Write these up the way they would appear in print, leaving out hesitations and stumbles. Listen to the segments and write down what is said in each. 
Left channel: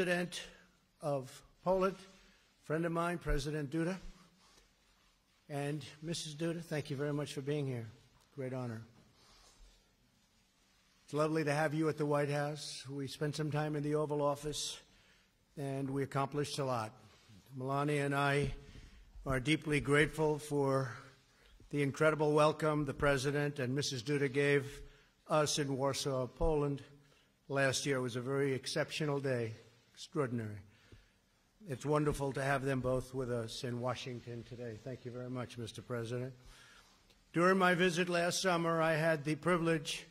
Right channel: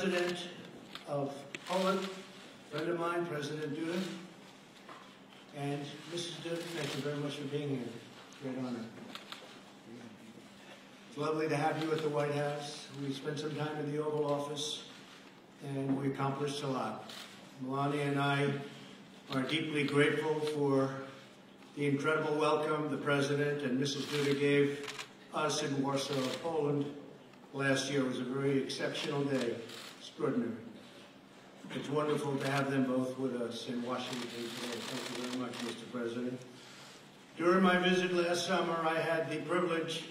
President of Poland, a friend of mine, President Duda. And Mrs. Duda, thank you very much for being here. Great honor. It's lovely to have you at the White House. We spent some time in the Oval Office, and we accomplished a lot. Melania and I are deeply grateful for the incredible welcome the President and Mrs. Duda gave us in Warsaw, Poland. Last year was a very exceptional day, extraordinary. It's wonderful to have them both with us in Washington today. Thank you very much, Mr. President. During my visit last summer, I had the privilege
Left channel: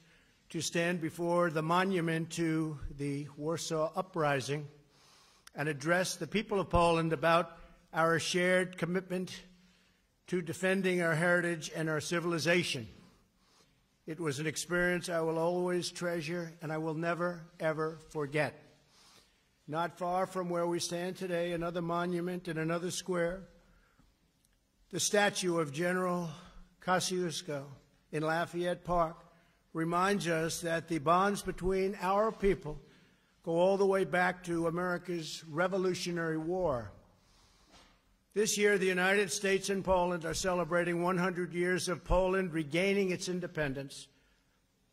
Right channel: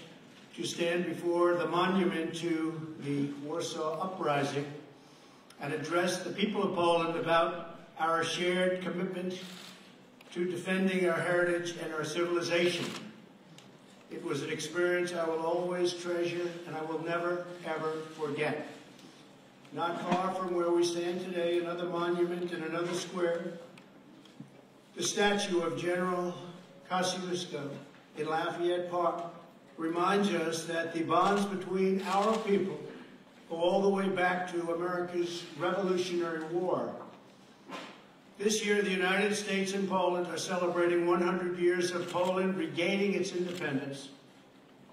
to stand before the monument to the Warsaw Uprising and address the people of Poland about our shared commitment to defending our heritage and our civilization. It was an experience I will always treasure and I will never, ever forget. Not far from where we stand today, another monument in another square, the statue of General Kosciuszko in Lafayette Park reminds us that the bonds between our people go all the way back to America's Revolutionary War. This year, the United States and Poland are celebrating 100 years of Poland regaining its independence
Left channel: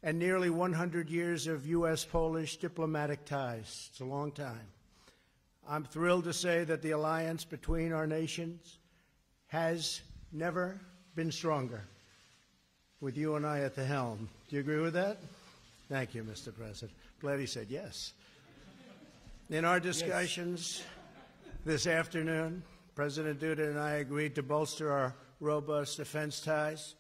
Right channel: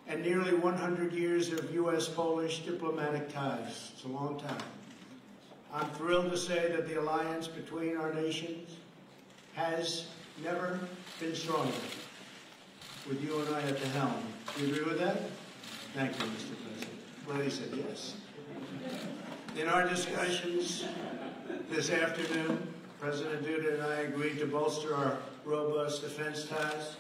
and nearly 100 years of U.S.-Polish diplomatic ties. It's a long time. I'm thrilled to say that the alliance between our nations has never been stronger, with you and I at the helm. Do you agree with that? Thank you, Mr. President. Glad he said yes. In our discussions this afternoon, President Duda and I agreed to bolster our robust defense ties.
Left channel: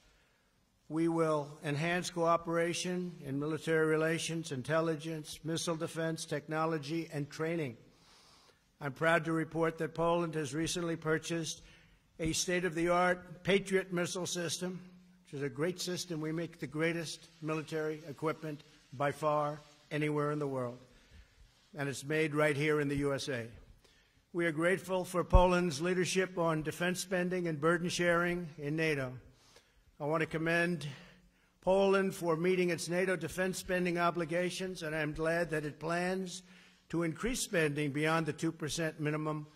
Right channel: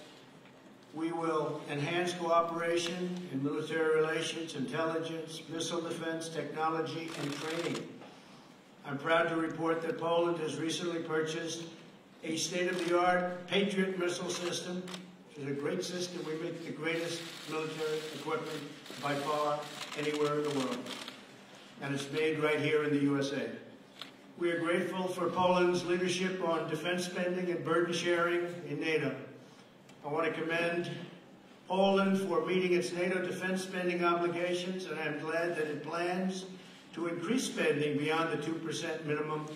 We will enhance cooperation in military relations, intelligence, missile defense, technology, and training. I'm proud to report that Poland has recently purchased a state-of-the-art Patriot missile system, which is a great system. We make the greatest military equipment by far anywhere in the world. And it's made right here in the USA. We are grateful for Poland's leadership on defense spending and burden sharing in NATO. I want to commend Poland for meeting its NATO defense spending obligations, and I'm glad that it plans to increase spending beyond the 2% minimum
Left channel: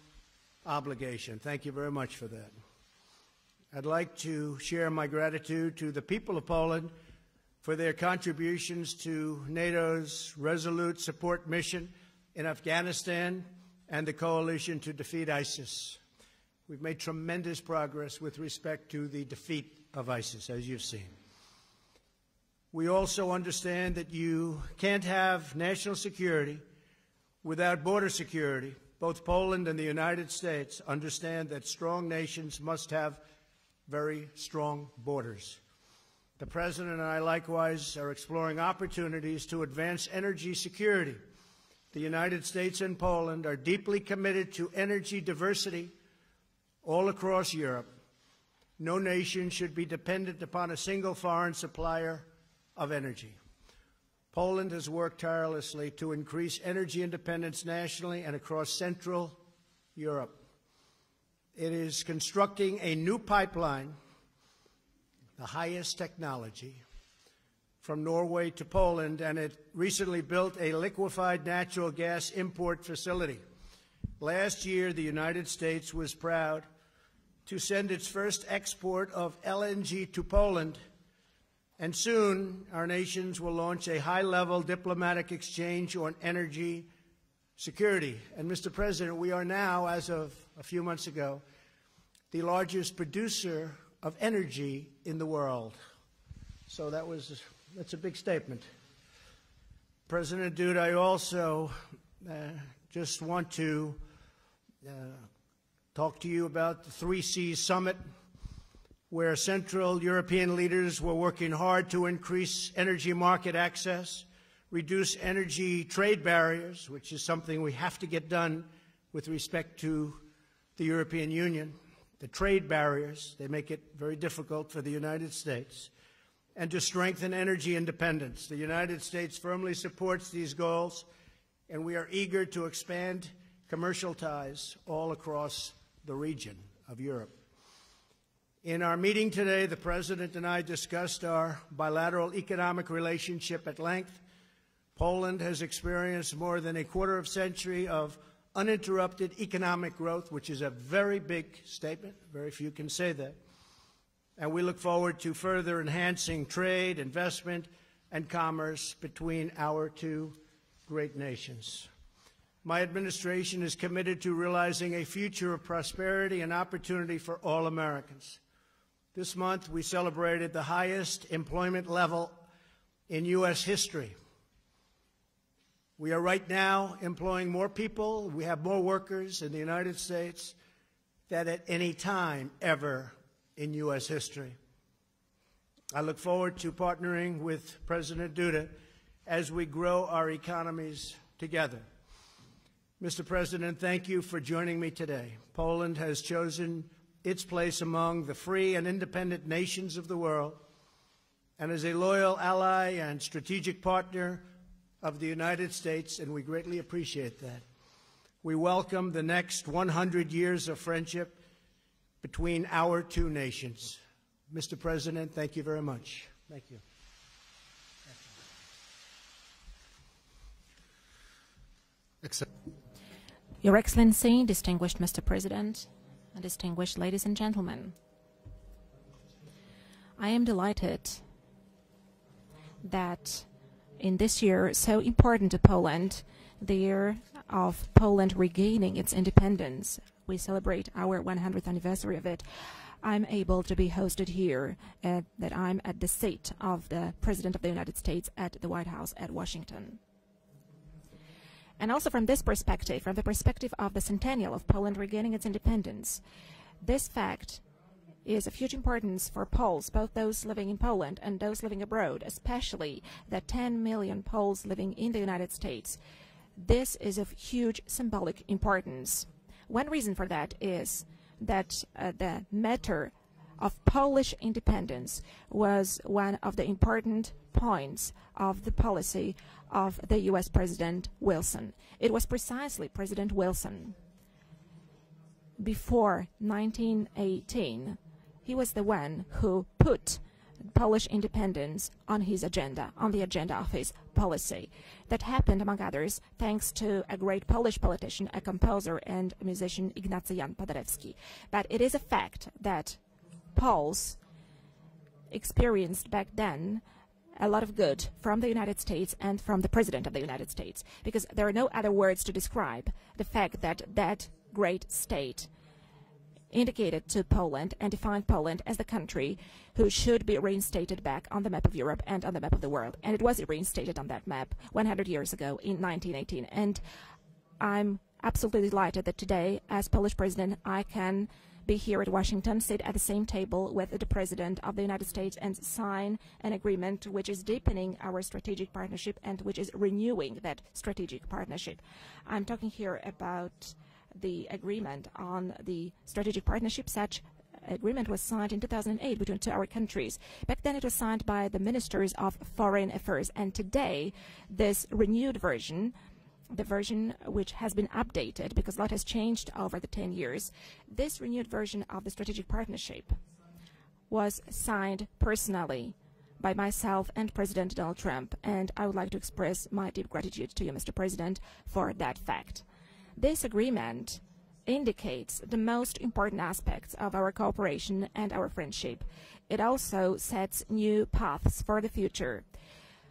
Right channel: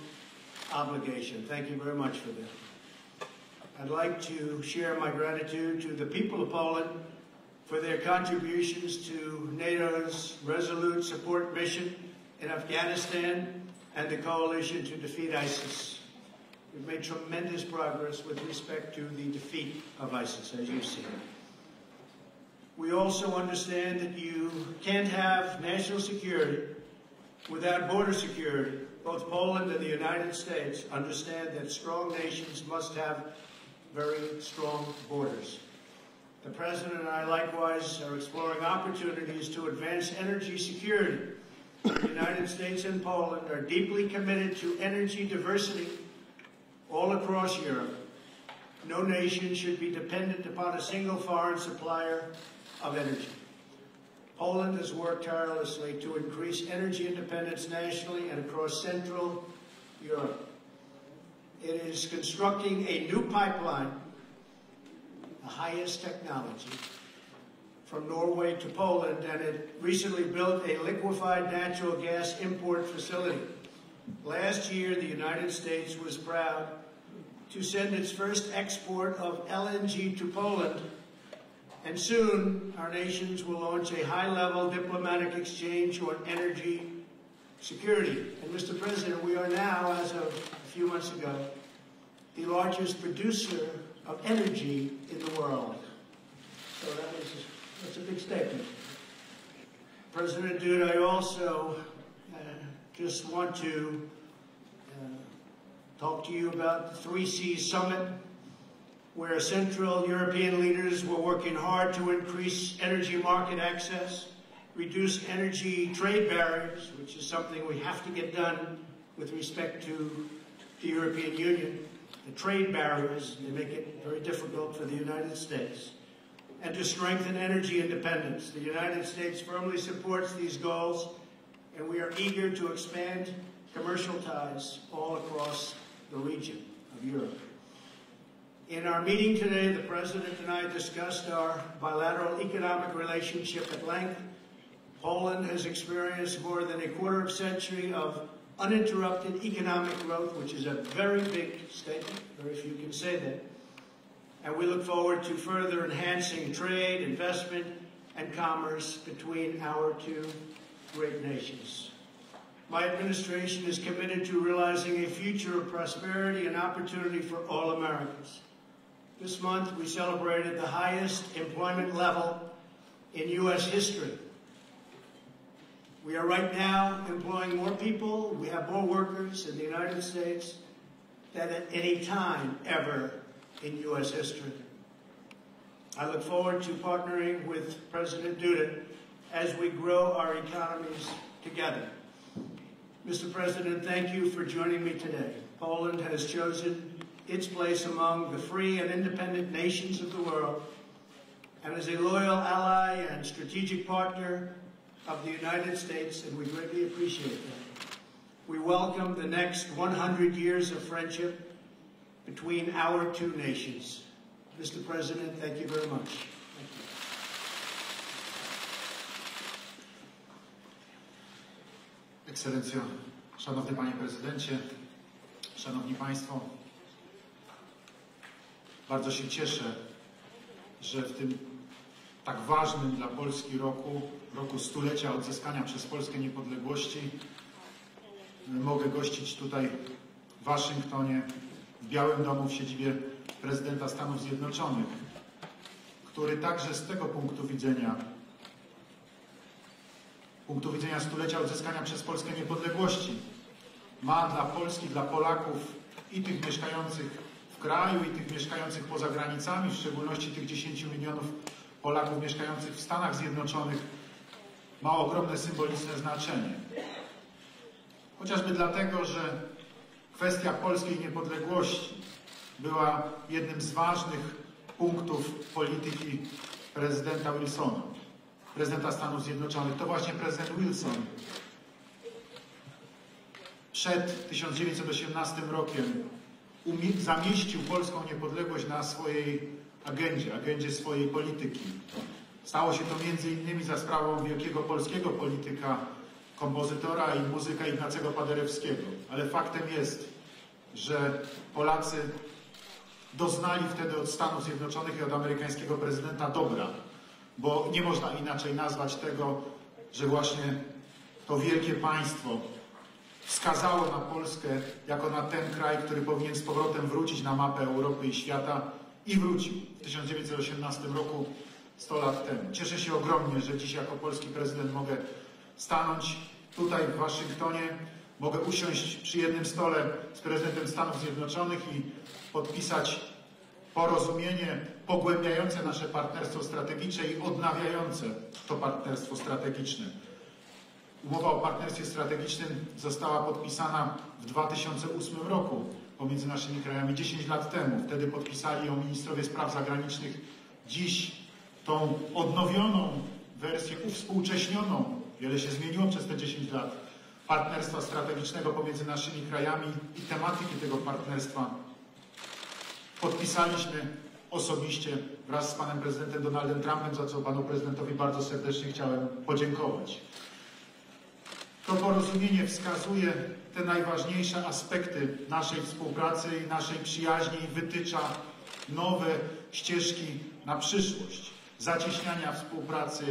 obligation. Thank you very much for that. I'd like to share my gratitude to the people of Poland for their contributions to NATO's resolute support mission in Afghanistan and the coalition to defeat ISIS. We've made tremendous progress with respect to the defeat of ISIS, as you see. We also understand that you can't have national security without border security. Both Poland and the United States understand that strong nations must have very strong borders. The President and I likewise are exploring opportunities to advance energy security. The United States and Poland are deeply committed to energy diversity all across Europe. No nation should be dependent upon a single foreign supplier of energy. Poland has worked tirelessly to increase energy independence nationally and across Central Europe. It is constructing a new pipeline, the highest technology, from Norway to Poland, and it recently built a liquefied natural gas import facility. Last year, the United States was proud to send its first export of LNG to Poland, and soon our nations will launch a high-level diplomatic exchange on energy security. And Mr. President, we are now, as of a few months ago, the largest producer of energy in the world. So that's a big statement. President Duda, I also just want to talk to you about the 3C Summit, where Central European leaders were working hard to increase energy market access, reduce energy trade barriers, which is something we have to get done with respect to the European Union. The trade barriers, they make it very difficult for the United States. And to strengthen energy independence. The United States firmly supports these goals, and we are eager to expand commercial ties all across the region of Europe. In our meeting today, the President and I discussed our bilateral economic relationship at length. Poland has experienced more than a quarter of a century of uninterrupted economic growth, which is a very big statement. Very few can say that. And we look forward to further enhancing trade, investment, and commerce between our two great nations. My administration is committed to realizing a future of prosperity and opportunity for all Americans. This month, we celebrated the highest employment level in U.S. history. We are right now employing more people, we have more workers in the United States than at any time ever in U.S. history. I look forward to partnering with President Duda as we grow our economies together. Mr. President, thank you for joining me today. Poland has chosen its place among the free and independent nations of the world, and is a loyal ally and strategic partner of the United States, and we greatly appreciate that. We welcome the next 100 years of friendship between our two nations. Mr. President, thank you very much. Thank you. Excellencja, Your Excellency, distinguished Mr. President, distinguished ladies and gentlemen, bardzo się cieszę, I am delighted że w tym tak ważnym dla that Polski roku, in this roku year, so stulecia important to odzyskania przez Poland, Polskę the niepodległości, year of Poland regaining its independence, we celebrate our 100th anniversary, Białym that Domu w siedzibie I'm able to be Prezydenta hosted Stanów here, Zjednoczonych, that I'm at the który seat także of z the tego punktu President of the widzenia, United States at the White House at Washington. punktu widzenia stulecia odzyskania And przez also from Polskę this perspective, niepodległości, from the perspective of the ma dla centennial of Polski, Poland dla regaining its Polaków independence, i tych this mieszkających fact w kraju i tych is a huge mieszkających poza importance for granicami, w Poles, both szczególności those tych living in 10 Poland milionów and those living Polaków abroad, mieszkających w especially Stanach the 10 Zjednoczonych, million Poles living ma in the ogromne United symboliczne States. znaczenie. This is of huge symbolic Chociażby dlatego, importance. że One reason for kwestia that polskiej is that niepodległości the matter była jednym z of ważnych Polish independence punktów was polityki one of the important prezydenta Wilsona, points of the prezydenta Stanów policy Zjednoczonych. To of właśnie the US prezydent President Wilson. It was precisely President Wilson. Przed 1918 rokiem Before zamieścił 1918, polską he niepodległość was na the one swojej who put agendzie Polish swojej polityki. independence on his Stało agenda, się to on the między agenda innymi of za his sprawą policy. wielkiego polskiego That happened, among polityka, others, thanks to kompozytora a i great muzyka Polish Ignacego politician, a Paderewskiego. composer Ale and faktem musician jest, Ignacy Jan Paderewski. że But it Polacy is a fact that doznali wtedy od Poles Stanów Zjednoczonych i od amerykańskiego experienced prezydenta back dobra. then a lot of Nie good można from inaczej the United nazwać States tego, and from the President że of the właśnie United States, because to there are no wielkie other words państwo to describe the fact wskazało that na that Polskę great jako na state ten kraj, który powinien z powrotem indicated wrócić to na mapę Poland and Europy i defined świata Poland as the i country wrócił w who should be 1918 reinstated roku, back on the map of Europe 100 and on the lat map of temu. the Cieszę się world. And it ogromnie, was że dzisiaj reinstated jako on that polski map prezydent 100 mogę years ago in stanąć 1918. And tutaj w Waszyngtonie, I'm mogę absolutely usiąść delighted that przy jednym today, stole as Polish z President, prezydentem I Stanów can Zjednoczonych be i here at Washington, sit at the podpisać same table with the porozumienie President of the United States and pogłębiające to nasze sign partnerstwo an agreement strategiczne i which is deepening odnawiające our to strategic partnerstwo partnership and which is strategiczne. renewing that strategic Umowa o partnership. partnerstwie I'm strategicznym talking here została about podpisana w the 2008 agreement roku on the pomiędzy strategic naszymi partnership. krajami Such 10 lat temu. Wtedy agreement was signed in podpisali ją 2008 ministrowie between spraw two our zagranicznych. countries. Back then it was Dziś signed by the tą ministers of odnowioną foreign affairs, and wersję today uspółcześnioną, this renewed wiele się version, zmieniło przez te 10 the lat, version which has partnerstwa been strategicznego updated because pomiędzy a lot has naszymi changed krajami over the 10 i years. tematyki tego This partnerstwa new version of the strategic partnership podpisaliśmy was osobiście signed wraz z personally panem prezydentem by Donaldem Trumpem, za myself co and panu President prezydentowi Donald bardzo Trump, serdecznie and I would like to chciałem express my podziękować. deep gratitude to you, Mr. President, To for that porozumienie fact. wskazuje This te agreement najważniejsze aspekty indicates the naszej most współpracy i important naszej aspects of our przyjaźni i cooperation wytycza and our friendship. nowe It also ścieżki na sets new przyszłość paths for the zacieśniania future. współpracy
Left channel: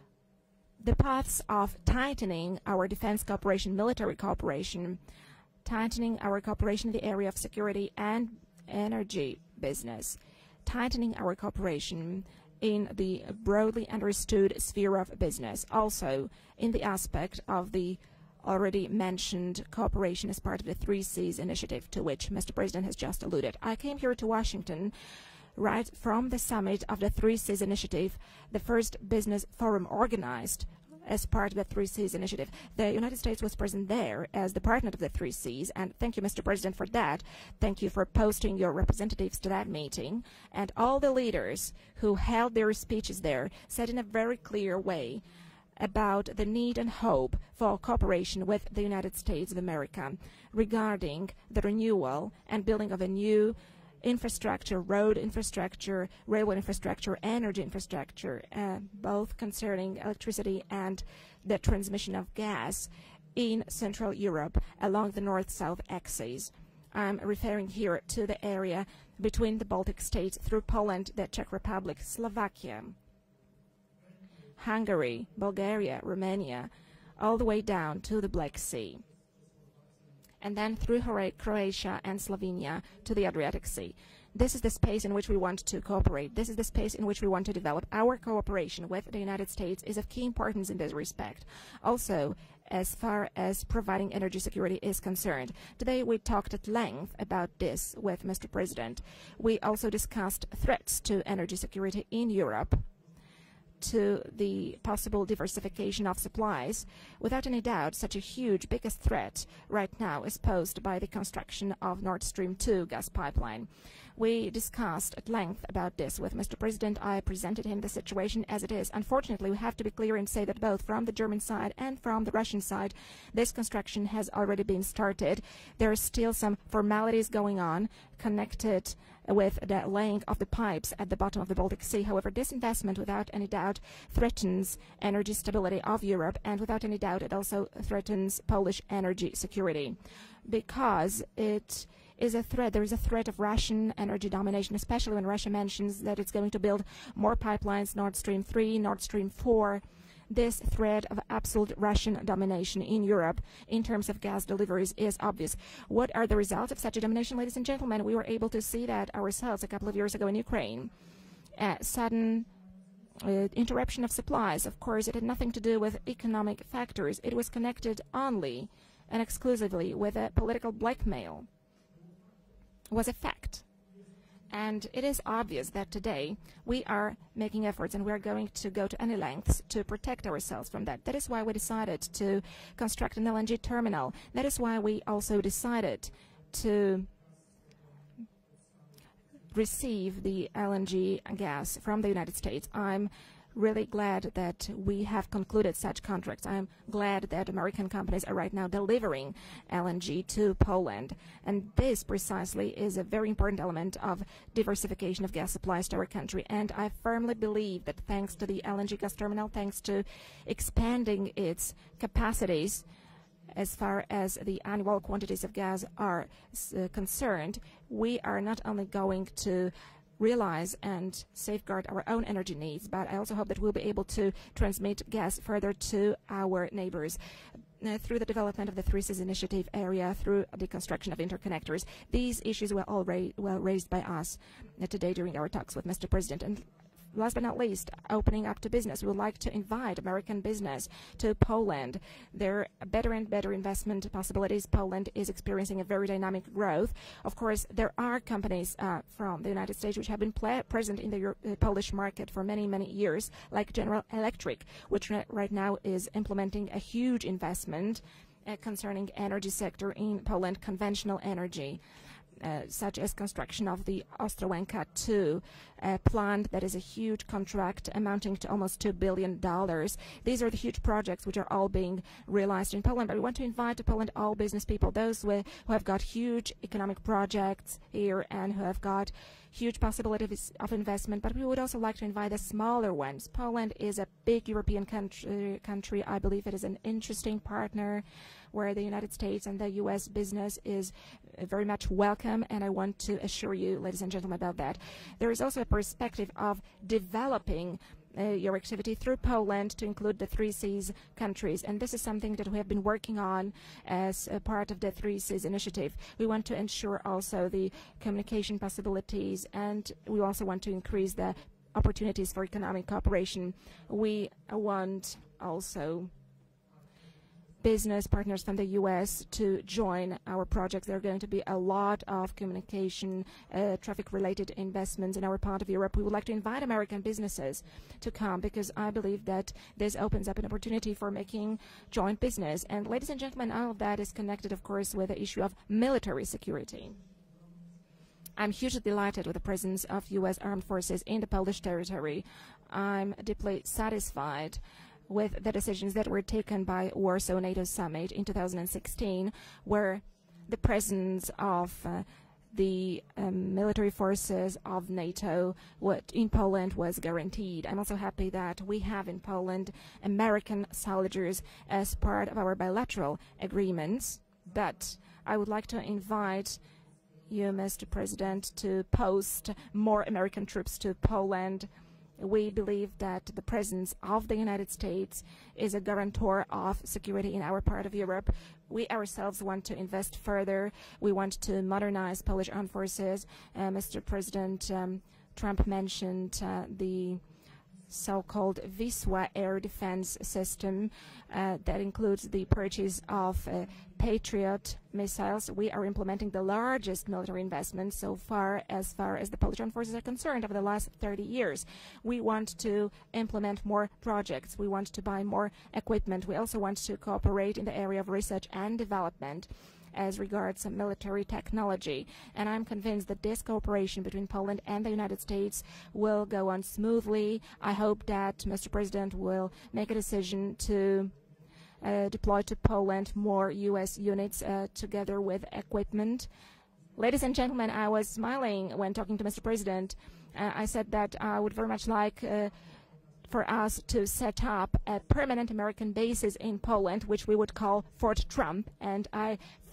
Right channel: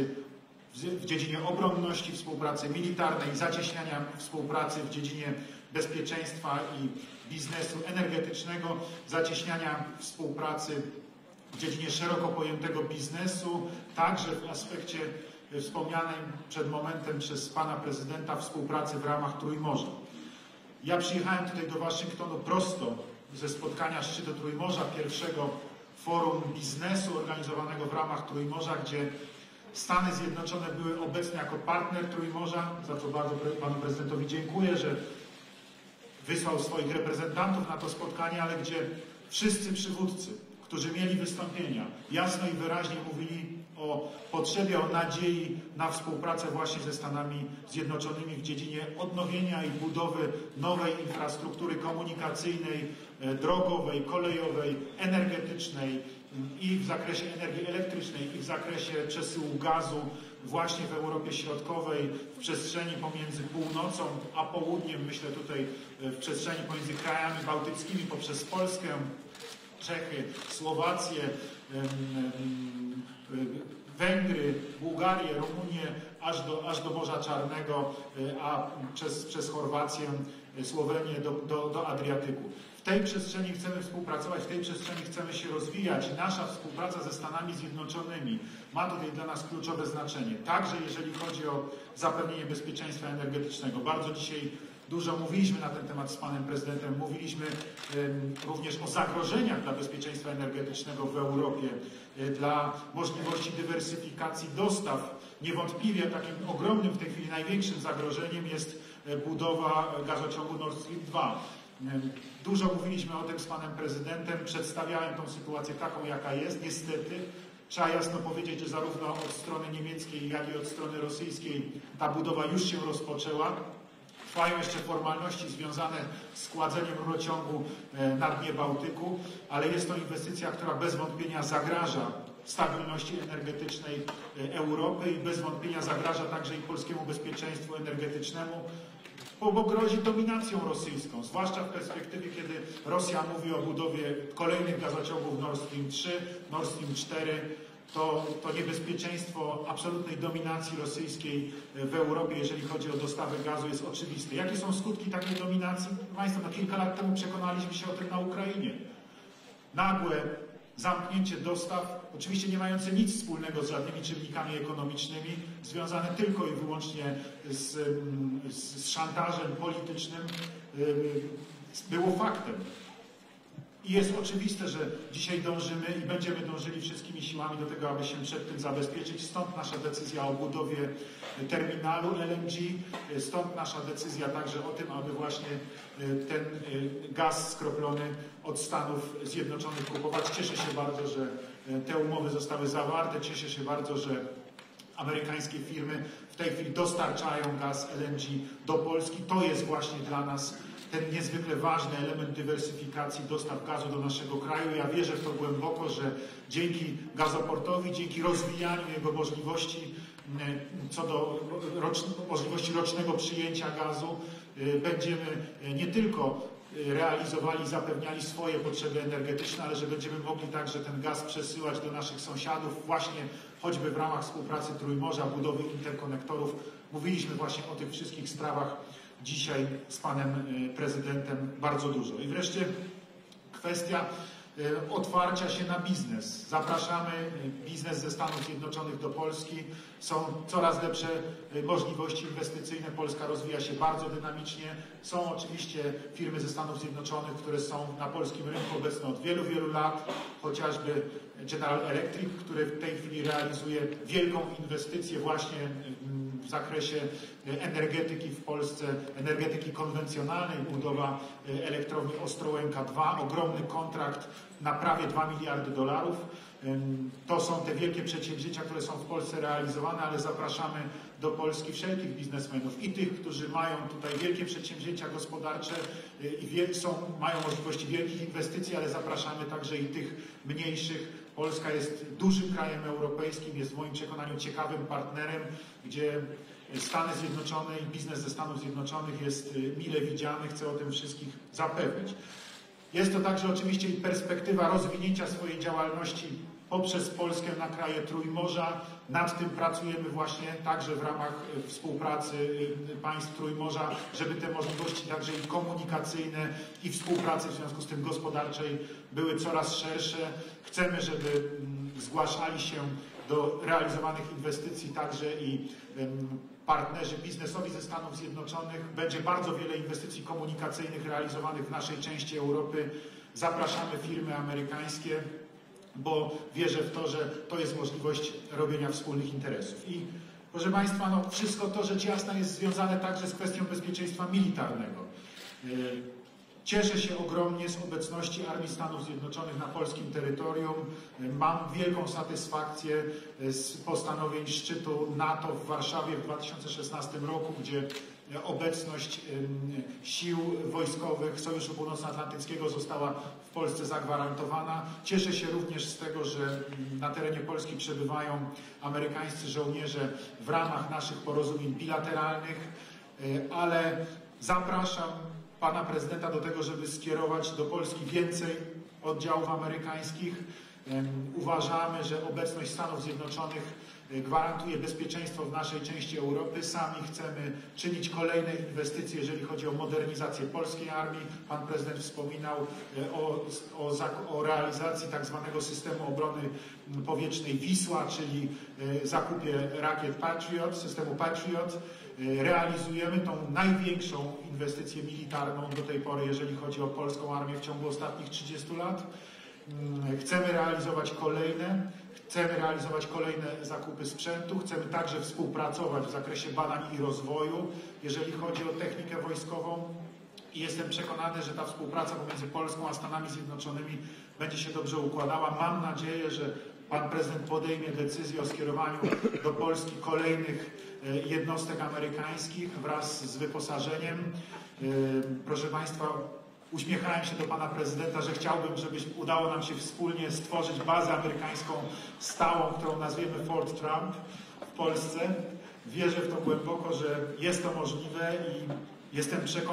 w The paths dziedzinie of obronności, tightening współpracy our defense militarnej, cooperation, zacieśniania military współpracy cooperation, w dziedzinie tightening our cooperation in the area of biznesu security and energetycznego, energy zacieśniania business, współpracy tightening our w dziedzinie cooperation szeroko pojętego in the biznesu, broadly także understood w sphere of aspekcie business, also wspomnianym przed in the momentem aspect przez of pana the prezydenta already współpracy w ramach mentioned Trójmorza. cooperation as part of the Ja Three Seas przyjechałem tutaj initiative do to which Waszyngtonu Mr. President has prosto just ze alluded. I spotkania came here to szczytu Washington Trójmorza, pierwszego right from the forum summit of the biznesu Three Seas organizowanego w initiative, ramach the Trójmorza, first gdzie business forum Stany organized Zjednoczone były as obecne part of jako the Three partner Seas initiative. Trójmorza. The Za to United States was panu present there prezydentowi as the dziękuję, partner że of the Three Seas, Seas, and thank you, Mr. President, for that. Thank you for posting your representatives to that meeting. And all the leaders who held their speeches there said in a very clear way about the need and hope for cooperation with the United States of America regarding the renewal and building of a new infrastructure, road infrastructure, railway infrastructure, energy infrastructure, both concerning electricity and the transmission of gas in Central Europe along the north-south axis. I'm referring here to the area between the Baltic states through Poland, the Czech Republic, Slovakia, Hungary, Bulgaria, Romania, all the way down to the Black Sea, and then through Croatia and Slovenia to the Adriatic Sea. This is the space in which we want to cooperate. This is the space in which we want to develop. Our cooperation with the United States is of key importance in this respect. Also, as far as providing energy security is concerned, today we talked at length about this with Mr. President. We also discussed threats to energy security in Europe, to the possible diversification of supplies. Without any doubt, such a huge, biggest threat right now is posed by the construction of Nord Stream 2 gas pipeline. We discussed at length about this with Mr. President. I presented him the situation as it is. Unfortunately, we have to be clear and say that both from the German side and from the Russian side, this construction has already been started. There are still some formalities going on connected with the laying of the pipes at the bottom of the Baltic Sea. However, this investment, without any doubt, threatens energy stability of Europe, and without any doubt it also threatens Polish energy security, because it is a threat. There is a threat of Russian energy domination, especially when Russia mentions that it's going to build more pipelines, Nord Stream 3, Nord Stream 4. This threat of absolute Russian domination in Europe in terms of gas deliveries is obvious. What are the results of such a domination, ladies and gentlemen? We were able to see that ourselves a couple of years ago in Ukraine. A sudden interruption of supplies. Of course, it had nothing to do with economic factors. It was connected only and exclusively with a political blackmail. It was a fact. And it is obvious that today we are making efforts and we are going to go to any lengths to protect ourselves from that. That is why we decided to construct an LNG terminal. That is why we also decided to receive the LNG gas from the United States. I'm really glad that we have concluded such contracts. I'm glad that American companies are right now delivering LNG to Poland. And this precisely is a very important element of diversification of gas supplies to our country. And I firmly believe that thanks to the LNG gas terminal, thanks to expanding its capacities as far as the annual quantities of gas are concerned, we are not only going to realize and safeguard our own energy needs, but I also hope that we'll be able to transmit gas further to our neighbors through the development of the Three Seas Initiative area, through the construction of interconnectors. These issues were all well raised by us today during our talks with Mr. President. And last but not least, opening up to business. We would like to invite American business to Poland. There are better and better investment possibilities. Poland is experiencing a very dynamic growth. Of course, there are companies from the United States which have been present in the Polish market for many, many years, like General Electric, which right now is implementing a huge investment concerning energy sector in Poland, conventional energy, such as construction of the Ostrołęka 2, a plant that is a huge contract amounting to almost $2 billion. These are huge projects which are all being realized in Poland. We want to invite to Poland all business people, those who have got huge economic projects here and who have got huge possibilities of investment, but we would also like to invite the smaller ones. Poland is a big European country. I believe it is an interesting partner where the United States and the U.S. business is very much welcome, and I want to assure you, ladies and gentlemen, about that. There is also a perspective of developing your activity through Poland to include the Three Seas countries, and this is something that we have been working on as a part of the Three Seas Initiative. We want to ensure also the communication possibilities, and we also want to increase the opportunities for economic cooperation. We want also business partners from the US to join our project. There are going to be a lot of communication, traffic-related investments in our part of Europe. We would like to invite American businesses to come because I believe that this opens up an opportunity for making joint business. And ladies and gentlemen, all of that is connected, of course, with the issue of military security. I'm hugely delighted with the presence of US armed forces in the Polish territory. I'm deeply satisfied with the decisions that were taken by Warsaw NATO Summit in 2016, where the presence of the military forces of NATO in Poland was guaranteed. I'm also happy that we have in Poland American soldiers as part of our bilateral agreements. But I would like to invite you, Mr. President, to post more American troops to Poland. We believe that the presence of the United States is a guarantor of security in our part of Europe. We ourselves want to invest further. We want to modernize Polish armed forces. Mr. President, Trump mentioned the so-called Wisła air defense system that includes the purchase of Patriot missiles. We are implementing the largest military investment so far as the Polish armed forces are concerned in the last 30 years. We want to implement more projects. We want to buy more equipment. We also want to cooperate in the area of research and development as regards military technology. And I'm convinced that this cooperation between Poland and the United States will go on smoothly. I hope that Mr. President will make a decision to deploy to Poland more U.S. units together with equipment. Ladies and gentlemen, I was smiling when talking to Mr. President. I said that I would very much like for us to set up a permanent American bases in Poland, which we would call Fort Trump. And I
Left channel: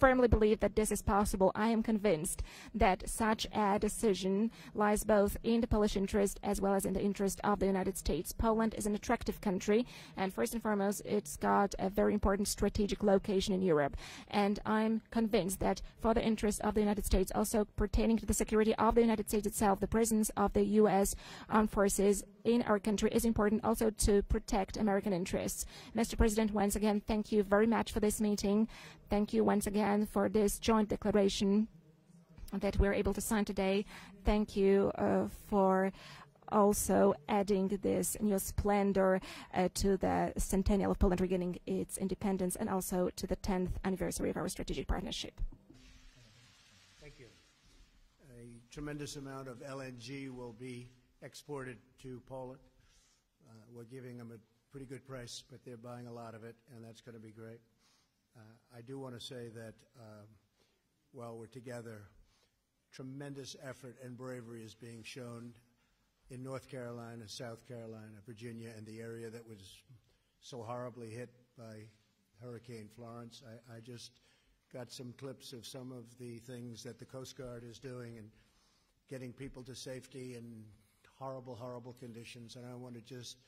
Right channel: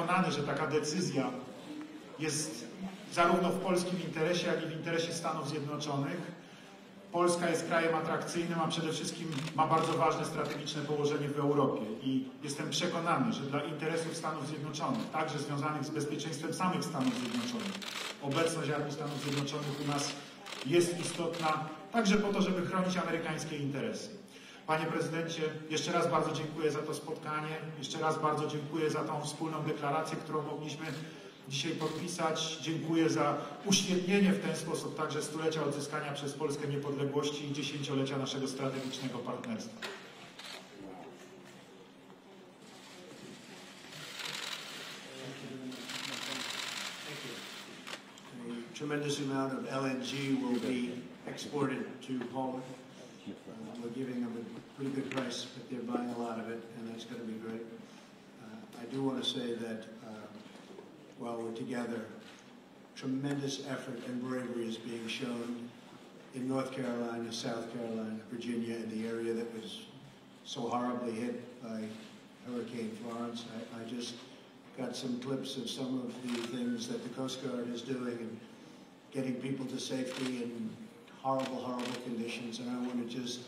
firmly believe that this is possible. I am convinced that such a decision lies both in the Polish interest as well as in the interest of the United States. Poland is an attractive country, and first and foremost, it's got a very important strategic location in Europe. And I'm convinced that for the interest of the United States, also pertaining to the security of the United States itself, the presence of the U.S. armed forces in our country is important also to protect American interests. Mr. President, once again, thank you very much for this meeting. Thank you once again for this joint declaration that we're able to sign today. Thank you for also adding this splendor to the centennial of Poland regaining its independence and also to the 10th anniversary of our strategic partnership. A tremendous amount of LNG will be exported to Poland. We're giving them a pretty good price, but they're buying a lot of it, and that's going to be great. I do want to say that while we're together, tremendous effort and bravery is being shown in North Carolina, South Carolina, Virginia, in the area that was so horribly hit by Hurricane Florence. I just got some clips of some of the things that the Coast Guard is doing and getting people to safety in horrible, horrible conditions. And I want to just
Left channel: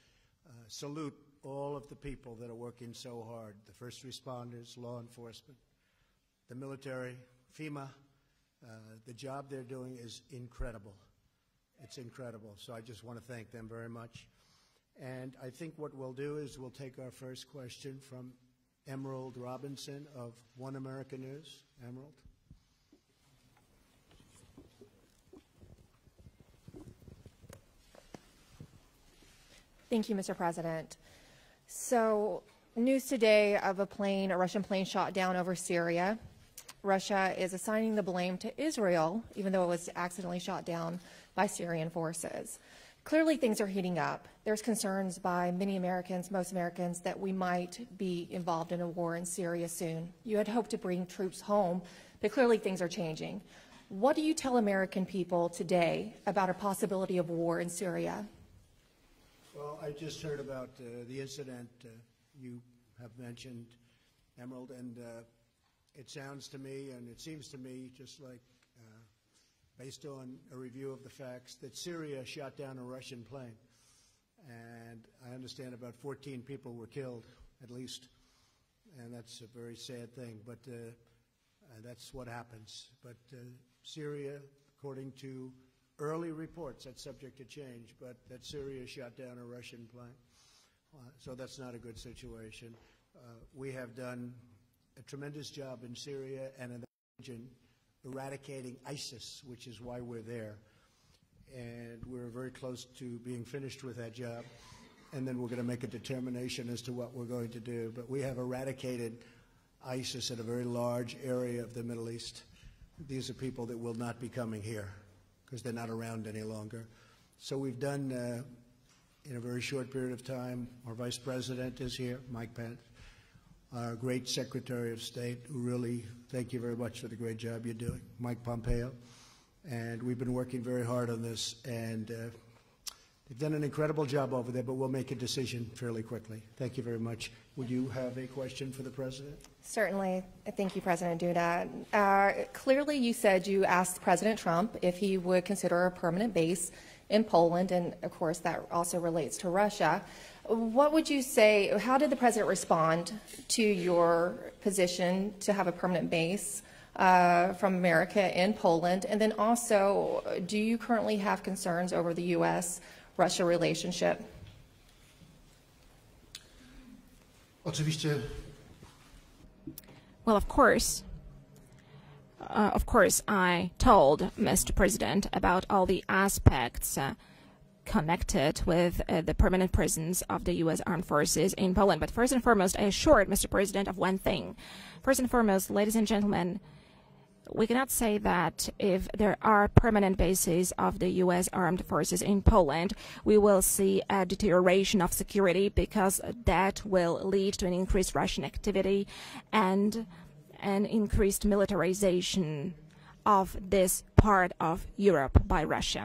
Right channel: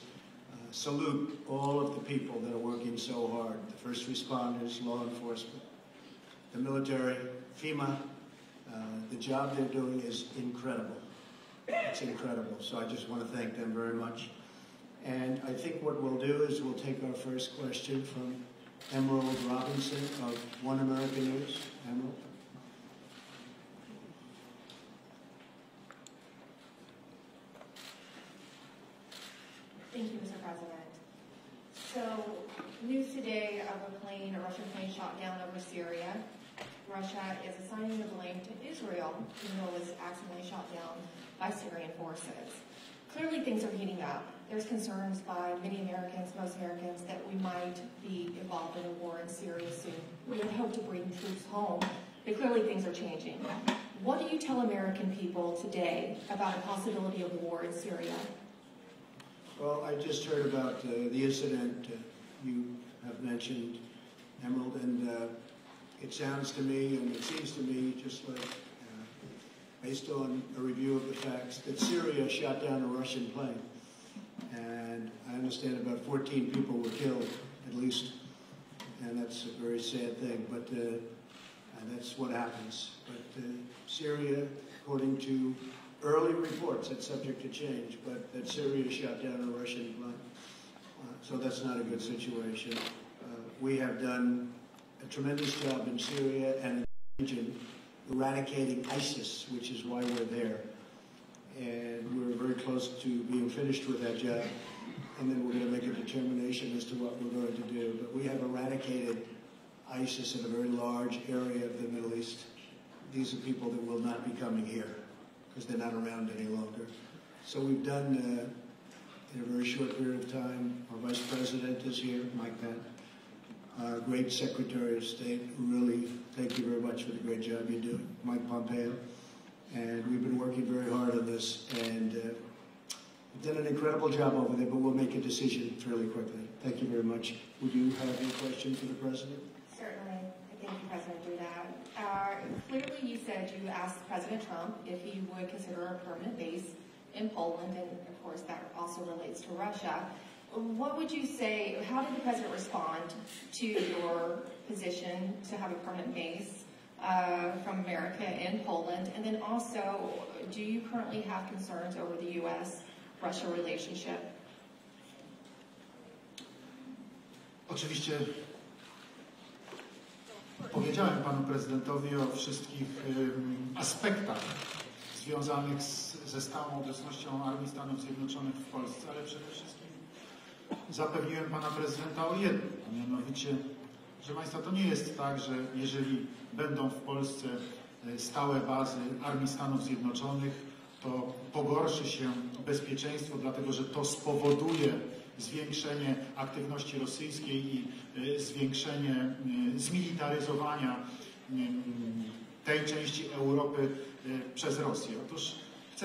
salute all of the people that are working so hard, the first responders, law enforcement, the military, FEMA. The job they're doing is incredible. It's incredible. So I just want to thank them very much. And I think what we'll do is we'll take our first question from Emerald Robinson of One American News. Emerald. Thank you, Mr. President. So, news today of a Russian plane shot down over Syria. Russia is assigning the blame to Israel, even though it was accidentally shot down by Syrian forces. Clearly, things are heating up. There's concerns by many Americans, most Americans, that we might be involved in a war in Syria soon. You had hoped to bring troops home, but clearly things are changing. What do you tell American people today about a possibility of war in Syria? Well, I just heard about the incident you have mentioned, Emerald, and it sounds to me, and it seems to me, just like based on a review of the facts, that Syria shot down a Russian plane. And I understand about 14 people were killed, at least, and that's a very sad thing, but that's what happens. But Syria, according to early reports, that's subject to change, but that Syria shot down a Russian plane. So that's not a good situation. we have done a tremendous job in Syria and in the region eradicating ISIS, which is why we're there. And we're very close to being finished with that job. And then we're going to make a determination as to what we're going to do. But we have eradicated ISIS in a very large area of the Middle East. These are people that will not be coming here because they're not around any longer. So we've done, in a very short period of time, our Vice President is here, Mike Pence, our great Secretary of State, really thank you very much for the great job you do, Mike Pompeo. And we've been working very hard on this, and we've done an incredible job over there, but we'll make a decision fairly quickly. Thank you very much. Would you have a question for the President? Certainly. Thank you, President Duda. Clearly, you said you asked President Trump if he would consider a permanent base in Poland, and of course that also relates to Russia. What would you say, how did the President respond to your position to have a permanent base from America in Poland? And then also, do you currently have concerns over the U.S.-Russia relationship? Oczywiście. Well, of course, I told Mr. President about all the aspects connected with the permanent presence of the U.S. Armed Forces in Poland. But first and foremost, I assured Mr. President of one thing. First and foremost, ladies and gentlemen, we cannot say that if there are permanent bases of the U.S. Armed Forces in Poland, we will see a deterioration of security, because that will lead to an increased Russian activity and an increased militarization of this part of Europe by Russia.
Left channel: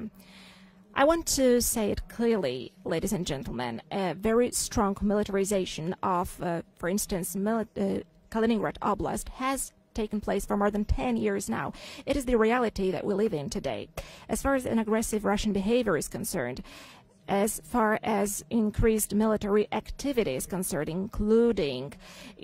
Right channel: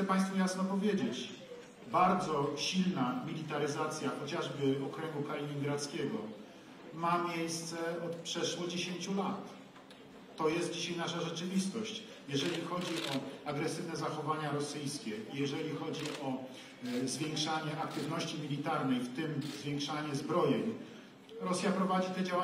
I want to say it clearly, ladies and gentlemen, a very strong militarization of, for instance, Kaliningrad Oblast has taken place for more than 10 years now. It is the reality that we live in today. As far as an aggressive Russian behavior is concerned, as far as increased military activity is concerned, including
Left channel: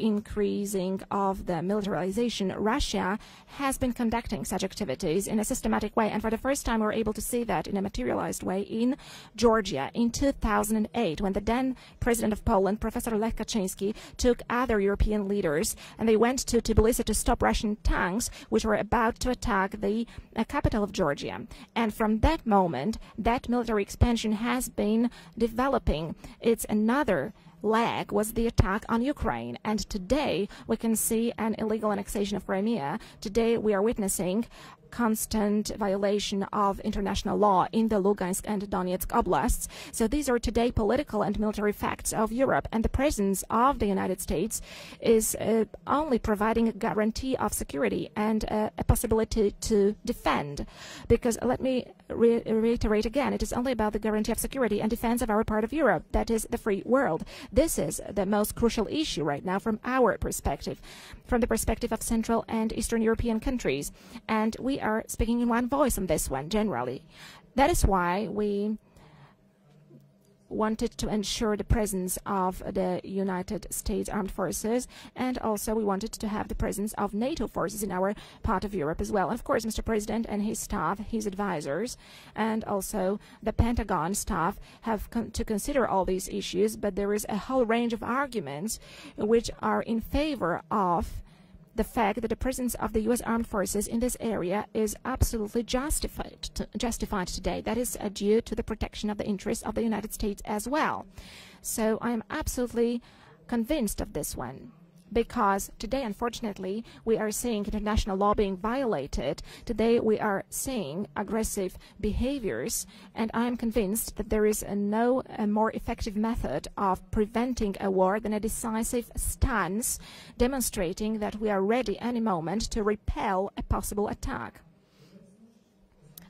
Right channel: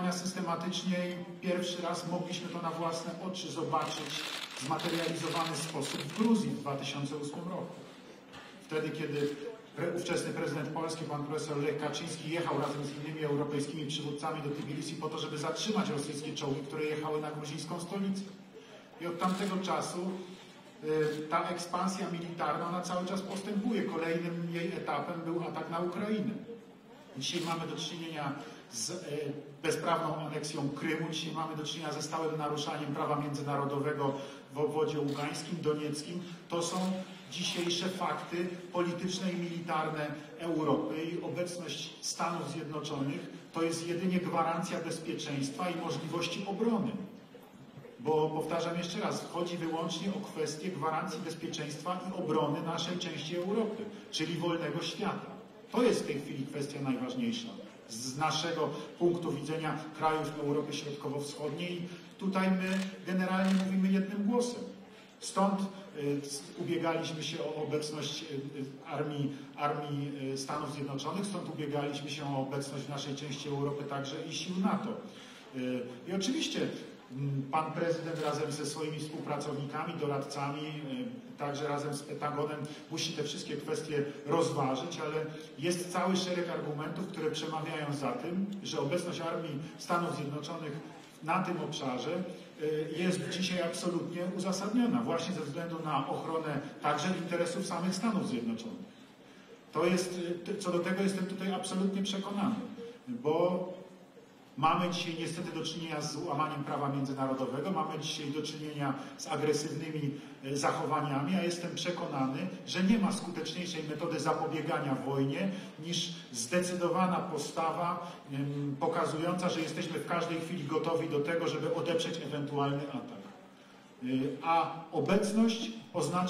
increasing of the militarization, Russia has been conducting such activities in a systematic way, and for the first time we're able to see that in a materialized way in Georgia in 2008, when the then President of Poland, Professor Lech Kaczynski, took other European leaders, and they went to Tbilisi to stop Russian tanks which were about to attack the capital of Georgia. And from that moment, that military expansion has been developing. It's another leg was the attack on Ukraine. And today we can see an illegal annexation of Crimea. Today we are witnessing constant violation of international law in the Lugansk and Donetsk oblasts. So these are today political and military facts of Europe, and the presence of the United States is only providing a guarantee of security and a possibility to defend. Because let me reiterate again, it is only about the guarantee of security and defense of our part of Europe, that is the free world. This is the most crucial issue right now from our perspective, from the perspective of Central and Eastern European countries. And we are speaking in one voice on this one, generally. That is why we wanted to ensure the presence of the United States Armed Forces, and also we wanted to have the presence of NATO forces in our part of Europe as well. Of course, Mr. President and his staff, his advisors, and also the Pentagon staff have to consider all these issues, but there is a whole range of arguments which are in favor of the fact that the presence of the U.S. Armed Forces in this area is absolutely justified today. That is due to the protection of the interests of the United States as well. So I'm absolutely convinced of this one, because today, unfortunately, we are seeing international law being violated. Today we are seeing aggressive behaviors, and I'm convinced that there is no more effective method of preventing a war than a decisive stance demonstrating that we are ready any moment to repel a possible attack.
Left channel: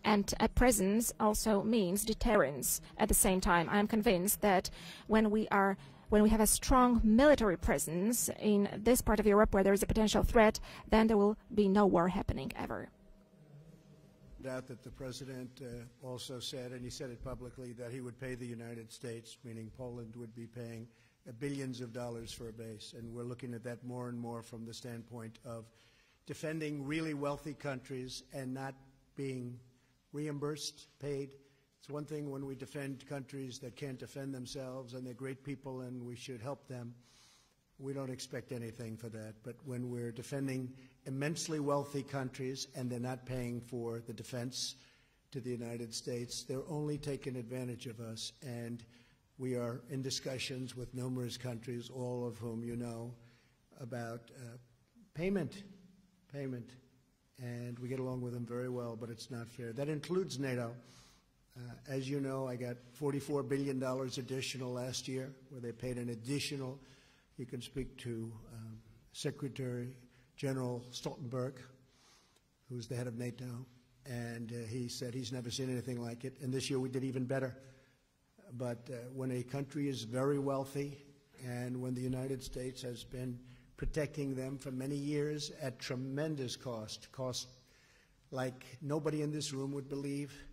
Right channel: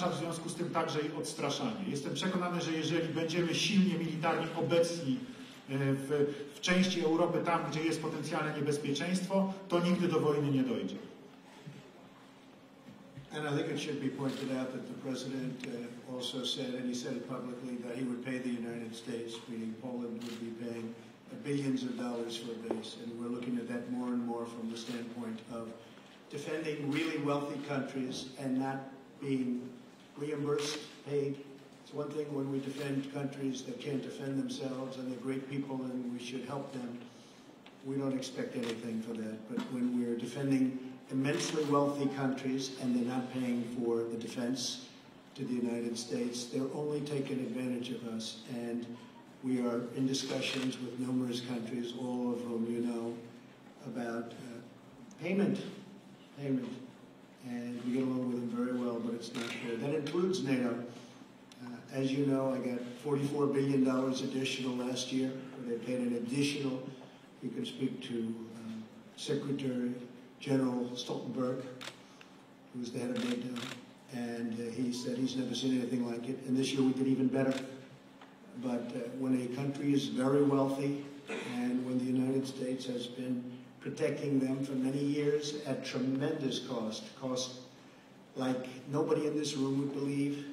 And a presence also means deterrence. At the same time, I'm convinced that when we have a strong military presence in this part of Europe where there is a potential threat, then there will be no war happening ever. And I think it should be pointed out that the President also said, and he said it publicly, that he would pay the United States, meaning Poland would be paying billions of dollars for a base. And we're looking at that more and more from the standpoint of defending really wealthy countries and not being reimbursed, paid. It's one thing when we defend countries that can't defend themselves and they're great people and we should help them. we don't expect anything for that. But when we're defending immensely wealthy countries and they're not paying for the defense to the United States, they're only taking advantage of us. And we are in discussions with numerous countries, all of whom you know, about payment. And we get along with them very well, but it's not fair. That includes NATO. As you know, I got $44 billion additional last year. They paid an additional. You can speak to Secretary General Stoltenberg, who's the head of NATO, and he said he's never seen anything like it. And this year we did even better. But when a country is very wealthy, and when the United States has been protecting them for many years at tremendous cost like nobody in this room would believe,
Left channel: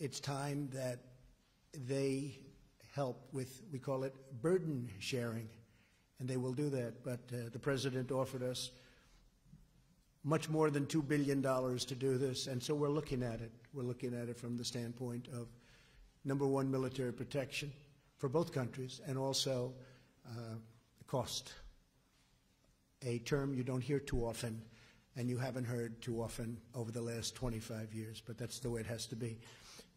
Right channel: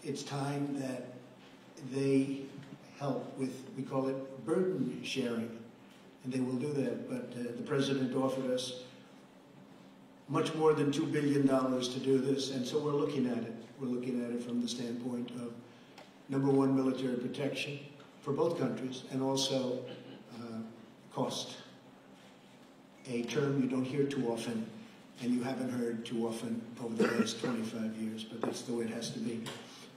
it's time that they help with, we call it burden sharing, and they will do that. But the President offered us much more than $2 billion to do this, and so we're looking at it. We're looking at it from the standpoint of, number one, military protection for both countries, and also cost. A term you don't hear too often, and you haven't heard too often over the last 25 years, but that's the way it has to be.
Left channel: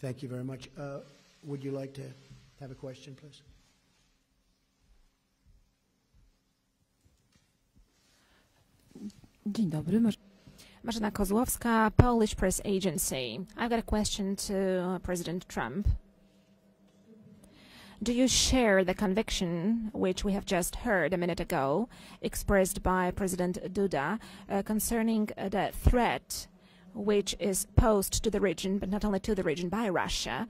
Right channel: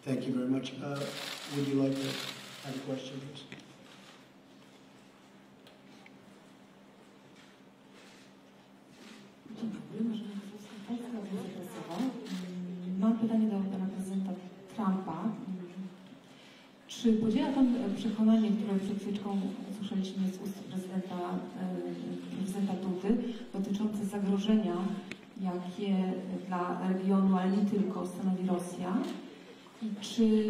Thank you very much. Would you like to have a question, please? Dzień dobry. Marzena Kozłowska, Polish Press Agency. I've got a question to President Trump. Do you share the conviction, which we have just heard a minute ago, expressed by President Duda concerning the threat which is posed to the region, but not only to the region, by Russia?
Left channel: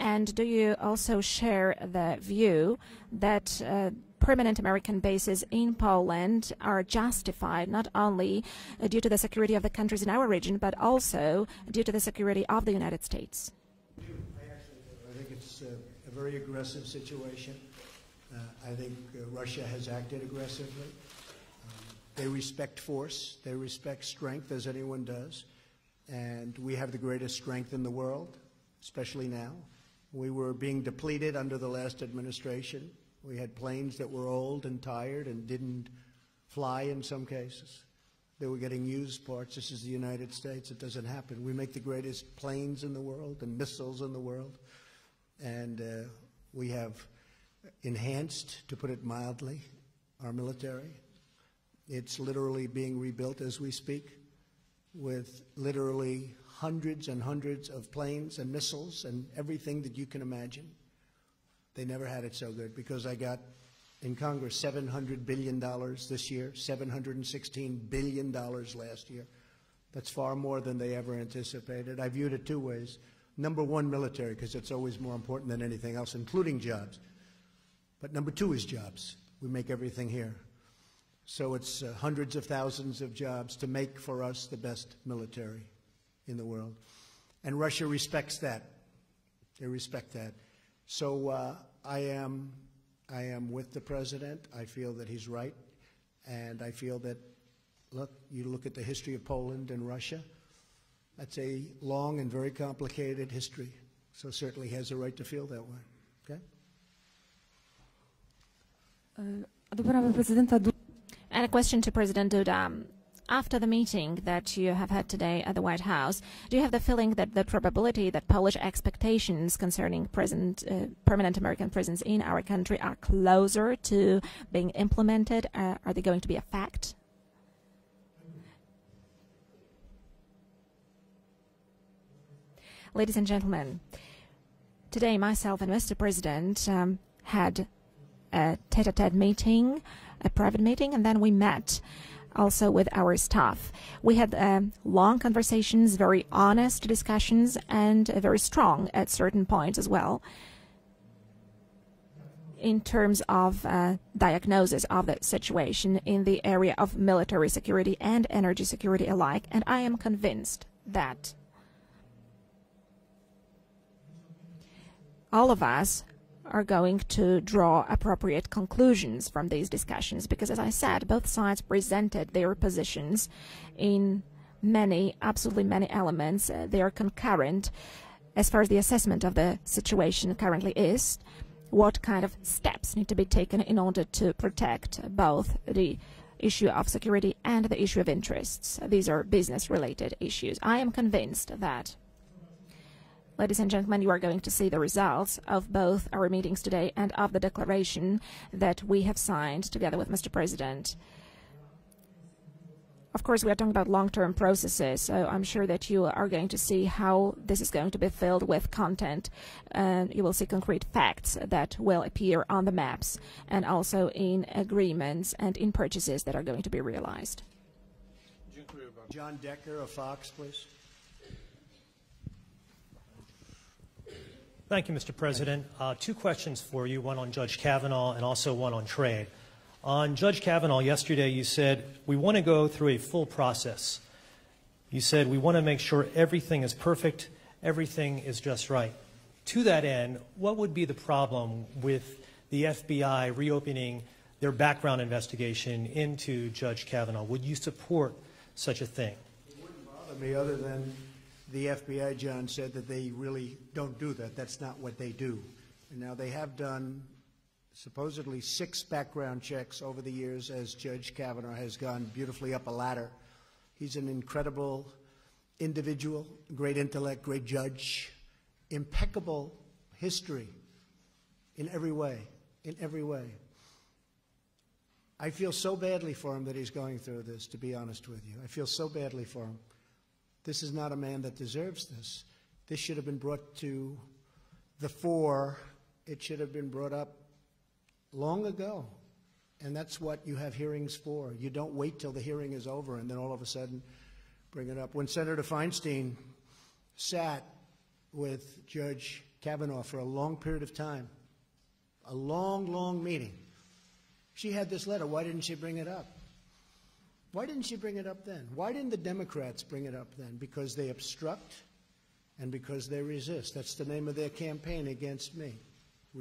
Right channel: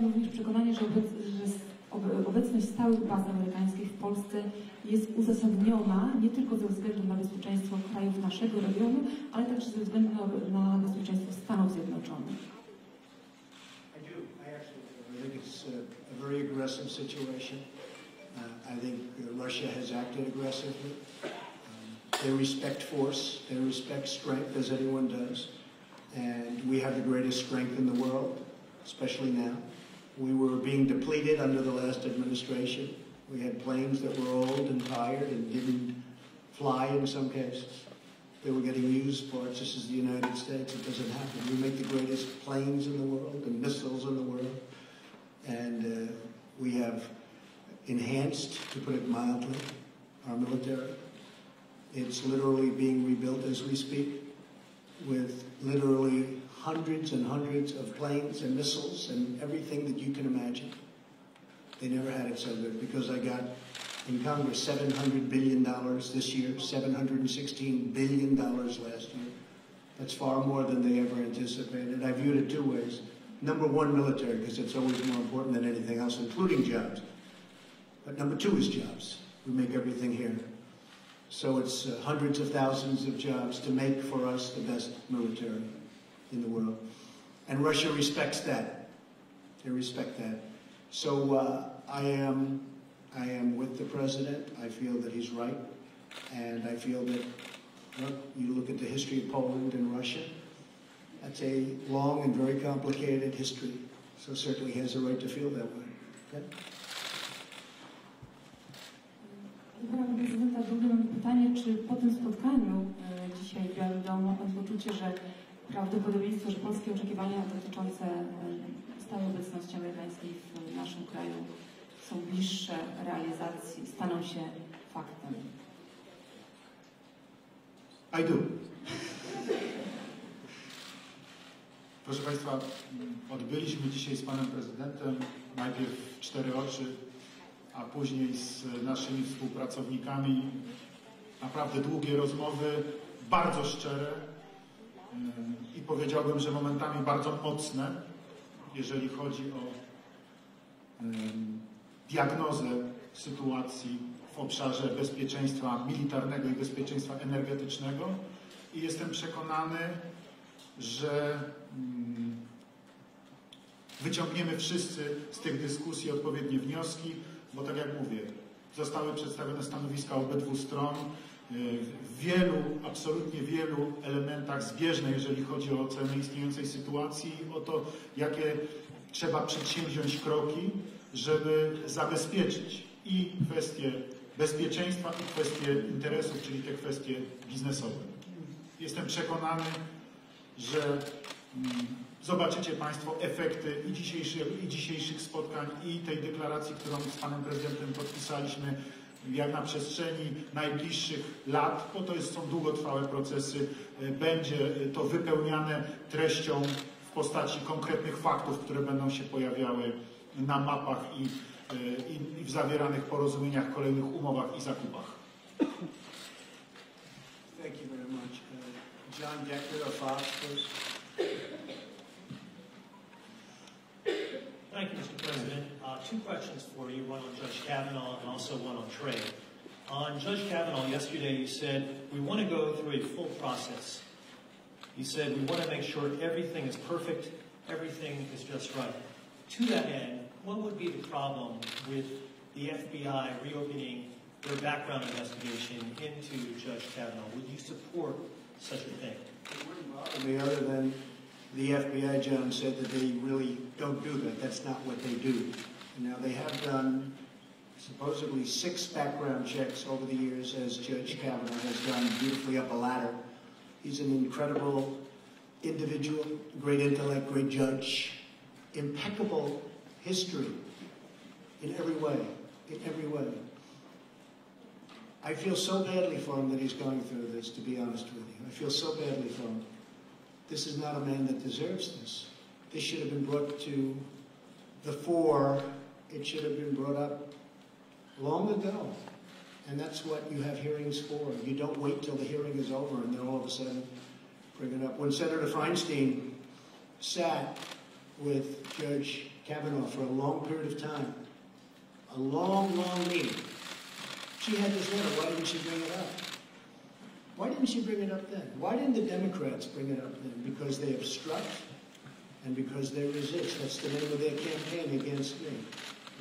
And do you also share the view that permanent American bases in Poland are justified not only due to the security of the countries in our region, but also due to the security of the United States? A very aggressive situation. I think Russia has acted aggressively. They respect force, they respect strength, as anyone does. And we have the greatest strength in the world, especially now. We were being depleted under the last administration. We had planes that were old and tired and didn't fly in some cases. They were getting used parts. This is the United States. It doesn't happen. We make the greatest planes in the world and missiles in the world. And we have enhanced, to put it mildly, our military. It's literally being rebuilt as we speak, with literally hundreds and hundreds of planes and missiles and everything that you can imagine. They never had it so good, because I got in Congress $700 billion this year, $716 billion last year. That's far more than they ever anticipated. I viewed it two ways. Number one, military, because it's always more important than anything else, including jobs. But number two is jobs. We make everything here. So it's hundreds of thousands of jobs to make for us the best military in the world. And Russia respects that. They respect that. So I am with the President. I feel that he's right. And I feel that, well, you look at the history of Poland and Russia, that's a long and very complicated history. So certainly he has a right to feel that way. Okay? And a question to President Duda. After the meeting that you have had today at the White House, do you have the feeling that the probability that Polish expectations concerning permanent American presence in our country are closer to being implemented? Are they going to be a fact? I do. Ladies and gentlemen, today myself and Mr. President had a tete-a-tete meeting, a private meeting, and then we met also with our staff. We had long conversations, very honest discussions, and very strong at certain points as well, in terms of diagnosis of the situation in the area of military security and energy security alike. And I am convinced that all of us are going to draw appropriate conclusions from these discussions because, as I said, both sides presented their positions in absolutely many elements. They are concurrent as far as the assessment of the situation currently is, what kind of steps need to be taken in order to protect both the issue of security and the issue of interests. These are business-related issues. I am convinced that, ladies and gentlemen, you are going to see the results of both our meetings today and of the declaration that we have signed together with Mr. President. Of course, we are talking about long-term processes, so I'm sure that you are going to see how this is going to be filled with content. You will see concrete facts that will appear on the maps and also in agreements and in purchases that are going to be realized. Thank you very much. John Decker of Fox, please. Thank you, Mr. President. Two questions for you, one on Judge Kavanaugh and also one on trade. On Judge Kavanaugh, yesterday you said, we want to go through a full process. You said, we want to make sure everything is perfect, everything is just right. To that end, what would be the problem with the FBI reopening their background investigation into Judge Kavanaugh? Would you support such a thing? Other than the FBI, John, said that they really don't do that. That's not what they do. Now, they have done supposedly 6 background checks over the years as Judge Kavanaugh has gone beautifully up a ladder. He's an incredible individual, great intellect, great judge, impeccable history in every way, I feel so badly for him that he's going through this, to be honest with you. I feel so badly for him. This is not a man that deserves this. This should have been brought to the fore. It should have been brought up long ago. And that's what you have hearings for. You don't wait till the hearing is over and then all of a sudden bring it up. When Senator Feinstein sat with Judge Kavanaugh for a long period of time, a long, long meeting, she had this letter. Why didn't she bring it up? Why didn't she bring it up then? Why didn't the Democrats bring it up then? Because they obstruct and because they resist. That's the name of their campaign against me.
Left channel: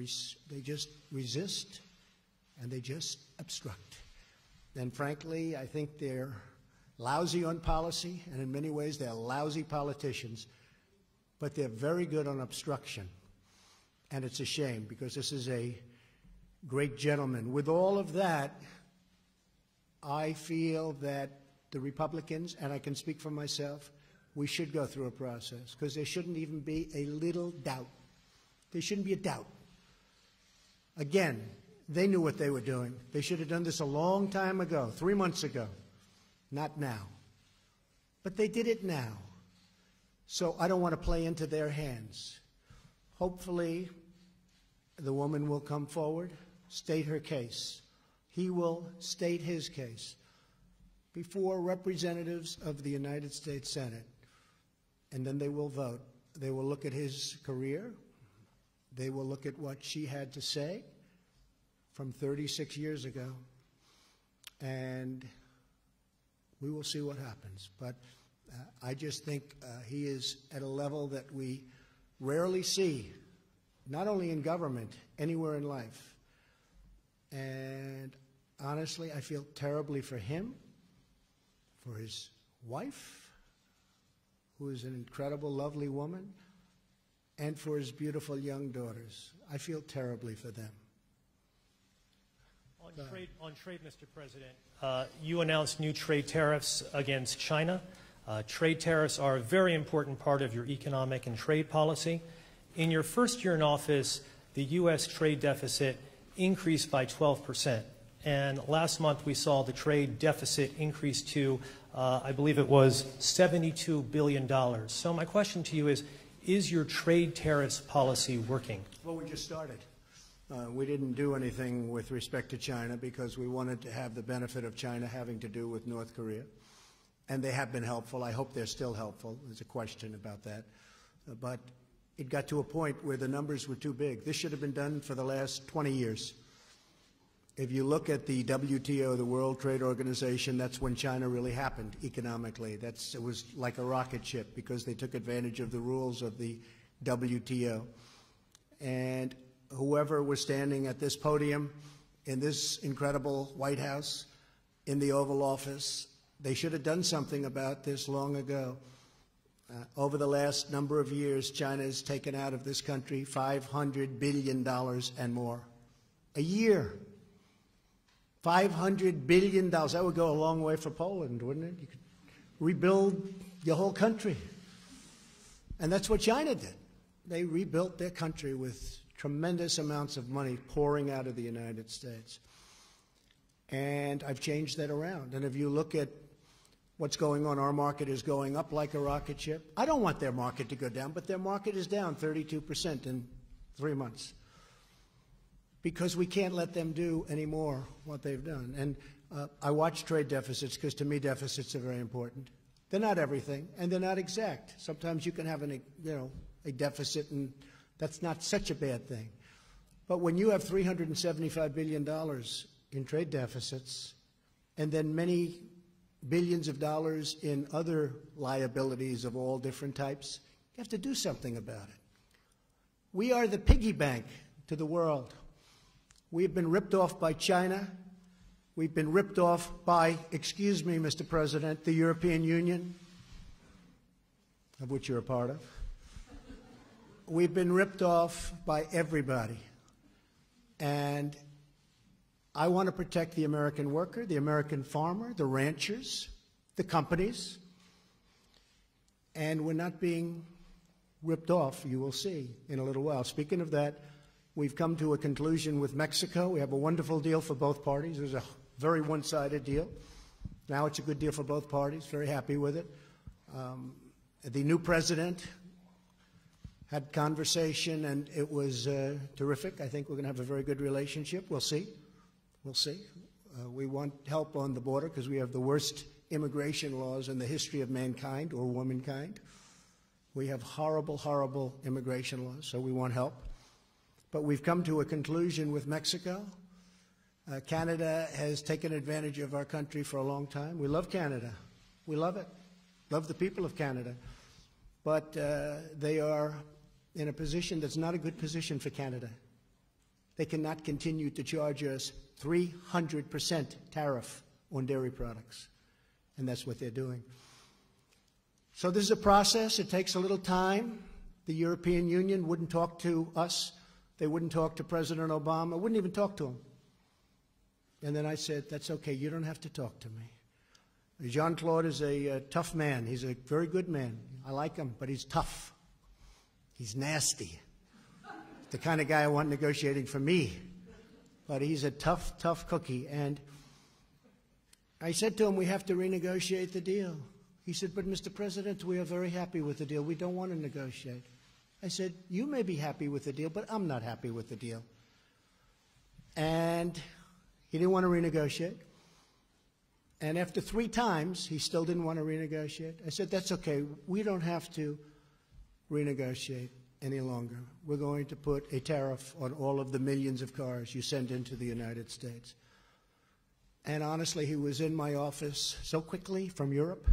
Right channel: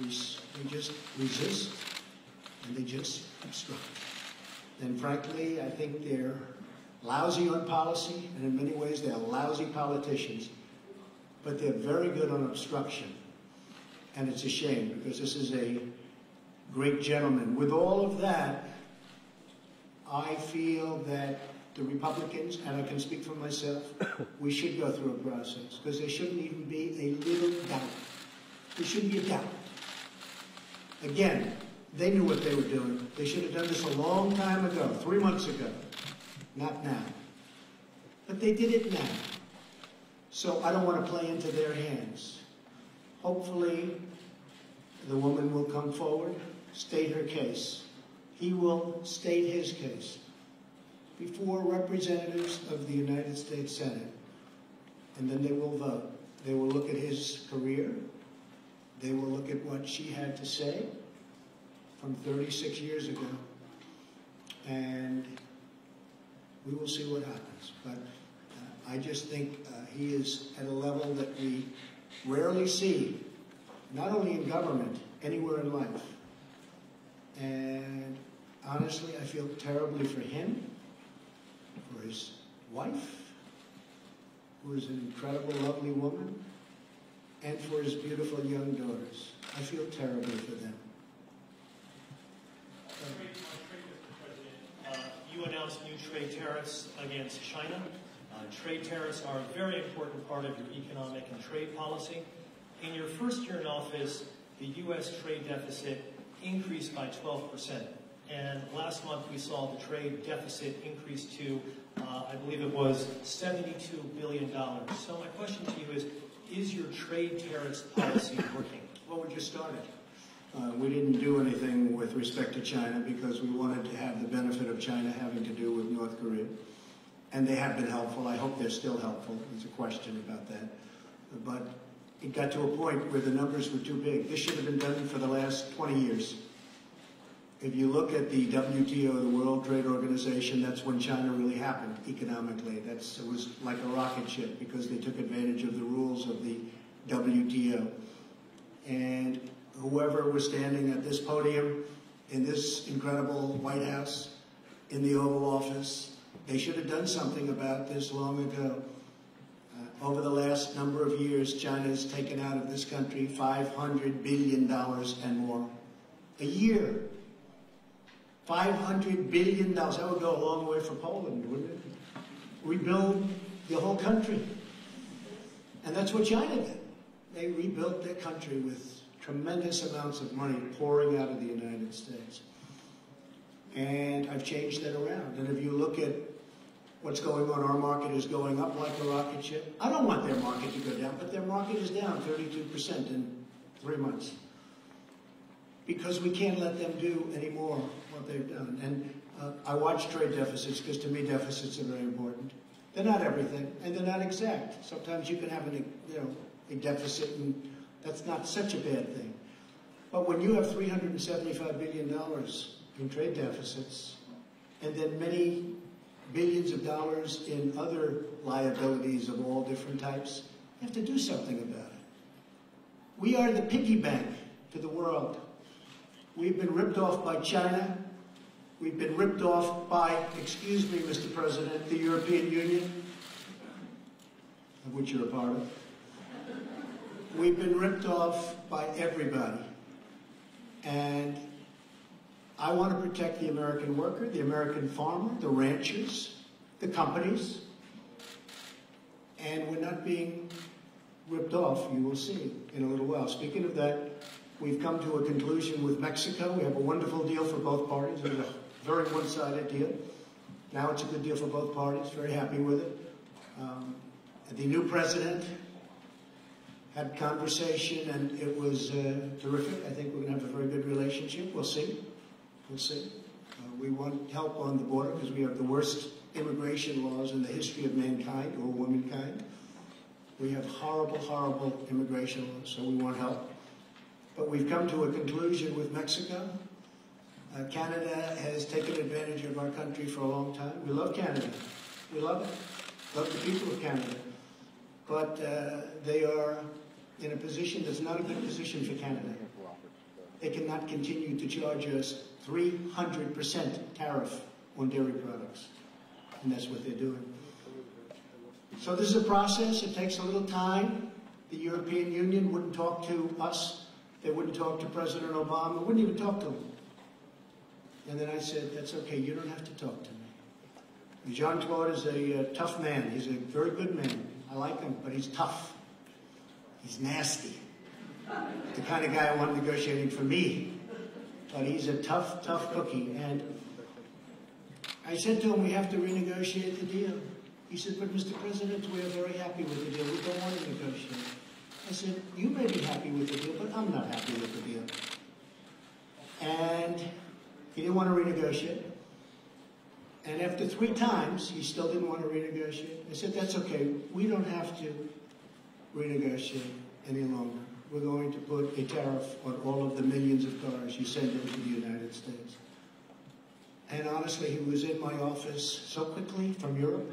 They just resist and they just obstruct. And frankly, I think they're lousy on policy, and in many ways they're lousy politicians. But they're very good on obstruction. And it's a shame because this is a great gentleman. With all of that, I feel that the Republicans, and I can speak for myself, we should go through a process because there shouldn't even be a little doubt. There shouldn't be a doubt. Again, they knew what they were doing. They should have done this a long time ago, 3 months ago, not now. But they did it now. So I don't want to play into their hands. Hopefully, the woman will come forward, state her case. He will state his case before representatives of the United States Senate. And then they will vote. They will look at his career. They will look at what she had to say from 36 years ago. And we will see what happens. But I just think he is at a level that we rarely see, not only in government, anywhere in life. And honestly, I feel terribly for him, for his wife, who is an incredible, lovely woman, and for his beautiful young daughters. I feel terribly for them. On trade, Mr. President, you announced new trade tariffs against China. Trade tariffs are a very important part of your economic and trade policy. In your first year in office, the U.S. trade deficit increased by 12%. And last month we saw the trade deficit increase to, I believe it was $72 billion. So my question to you is your trade tariffs policy working? Well, we just started. We didn't do anything with respect to China because we wanted to have the benefit of China having to do with North Korea. And they have been helpful. I hope they're still helpful. There's a question about that. But it got to a point where the numbers were too big. This should have been done for the last 20 years. If you look at the WTO, the World Trade Organization, that's when China really happened economically. It was like a rocket ship because they took advantage of the rules of the WTO. And whoever was standing at this podium in this incredible White House, in the Oval Office, they should have done something about this long ago. Over the last number of years, China has taken out of this country $500 billion and more a year. $500 billion. That would go a long way for Poland, wouldn't it? Rebuild the whole country. And that's what China did. They rebuilt their country with tremendous amounts of money pouring out of the United States. And I've changed that around. And if you look at what's going on, our market is going up like a rocket ship. I don't want their market to go down, but their market is down 32% in 3 months. Because we can't let them do any more what they've done. And I watch trade deficits because to me deficits are very important. They're not everything, and they're not exact. Sometimes you can have a deficit, and that's not such a bad thing. But when you have $375 billion in trade deficits, and then many billions of dollars in other liabilities of all different types, you have to do something about it. We are the piggy bank to the world. We've been ripped off by China. We've been ripped off by, excuse me, Mr. President, the European Union, of which you're a part of. We've been ripped off by everybody. And I want to protect the American worker, the American farmer, the ranchers, the companies. And we're not being ripped off, you will see in a little while. Speaking of that, we've come to a conclusion with Mexico. We have a wonderful deal for both parties. It was a very one-sided deal. Now it's a good deal for both parties. Very happy with it. The new president had conversation, and it was terrific. I think we're going to have a very good relationship. We'll see. We'll see. We want help on the border because we have the worst immigration laws in the history of mankind or womankind. We have horrible, horrible immigration laws, so we want help. But we've come to a conclusion with Mexico. Canada has taken advantage of our country for a long time. We love Canada. We love it. Love the people of Canada. But they are in a position that's not a good position for Canada. They cannot continue to charge us 300% tariff on dairy products. And that's what they're doing. So this is a process. It takes a little time. The European Union wouldn't talk to us. They wouldn't talk to President Obama. Wouldn't even talk to him. And then I said, that's okay. You don't have to talk to me. Jean-Claude is a tough man. He's a very good man. I like him, but he's tough. He's nasty. The kind of guy I want negotiating for me. But he's a tough, tough cookie. And I said to him, we have to renegotiate the deal. He said, but Mr. President, we are very happy with the deal. We don't want to negotiate. I said, you may be happy with the deal, but I'm not happy with the deal. And he didn't want to renegotiate. And after 3 times, he still didn't want to renegotiate. I said, that's okay. We don't have to renegotiate any longer. We're going to put a tariff on all of the millions of cars you send into the United States. And honestly, he was in my office so quickly from Europe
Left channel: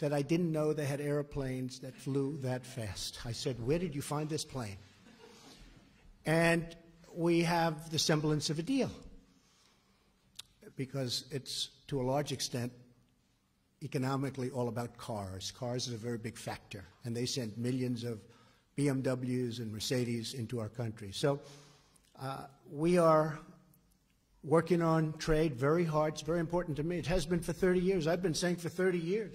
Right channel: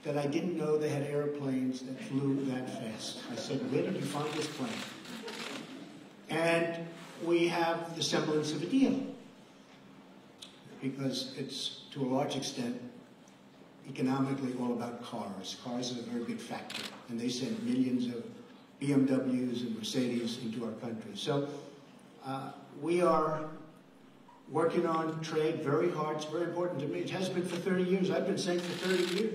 that I didn't know they had airplanes that flew that fast. I said, where did you find this plane? And we have the semblance of a deal. Because it's, to a large extent, economically all about cars. Cars is a very big factor. And they send millions of BMWs and Mercedes into our country. So we are working on trade very hard. It's very important to me. It has been for 30 years. I've been saying for 30 years.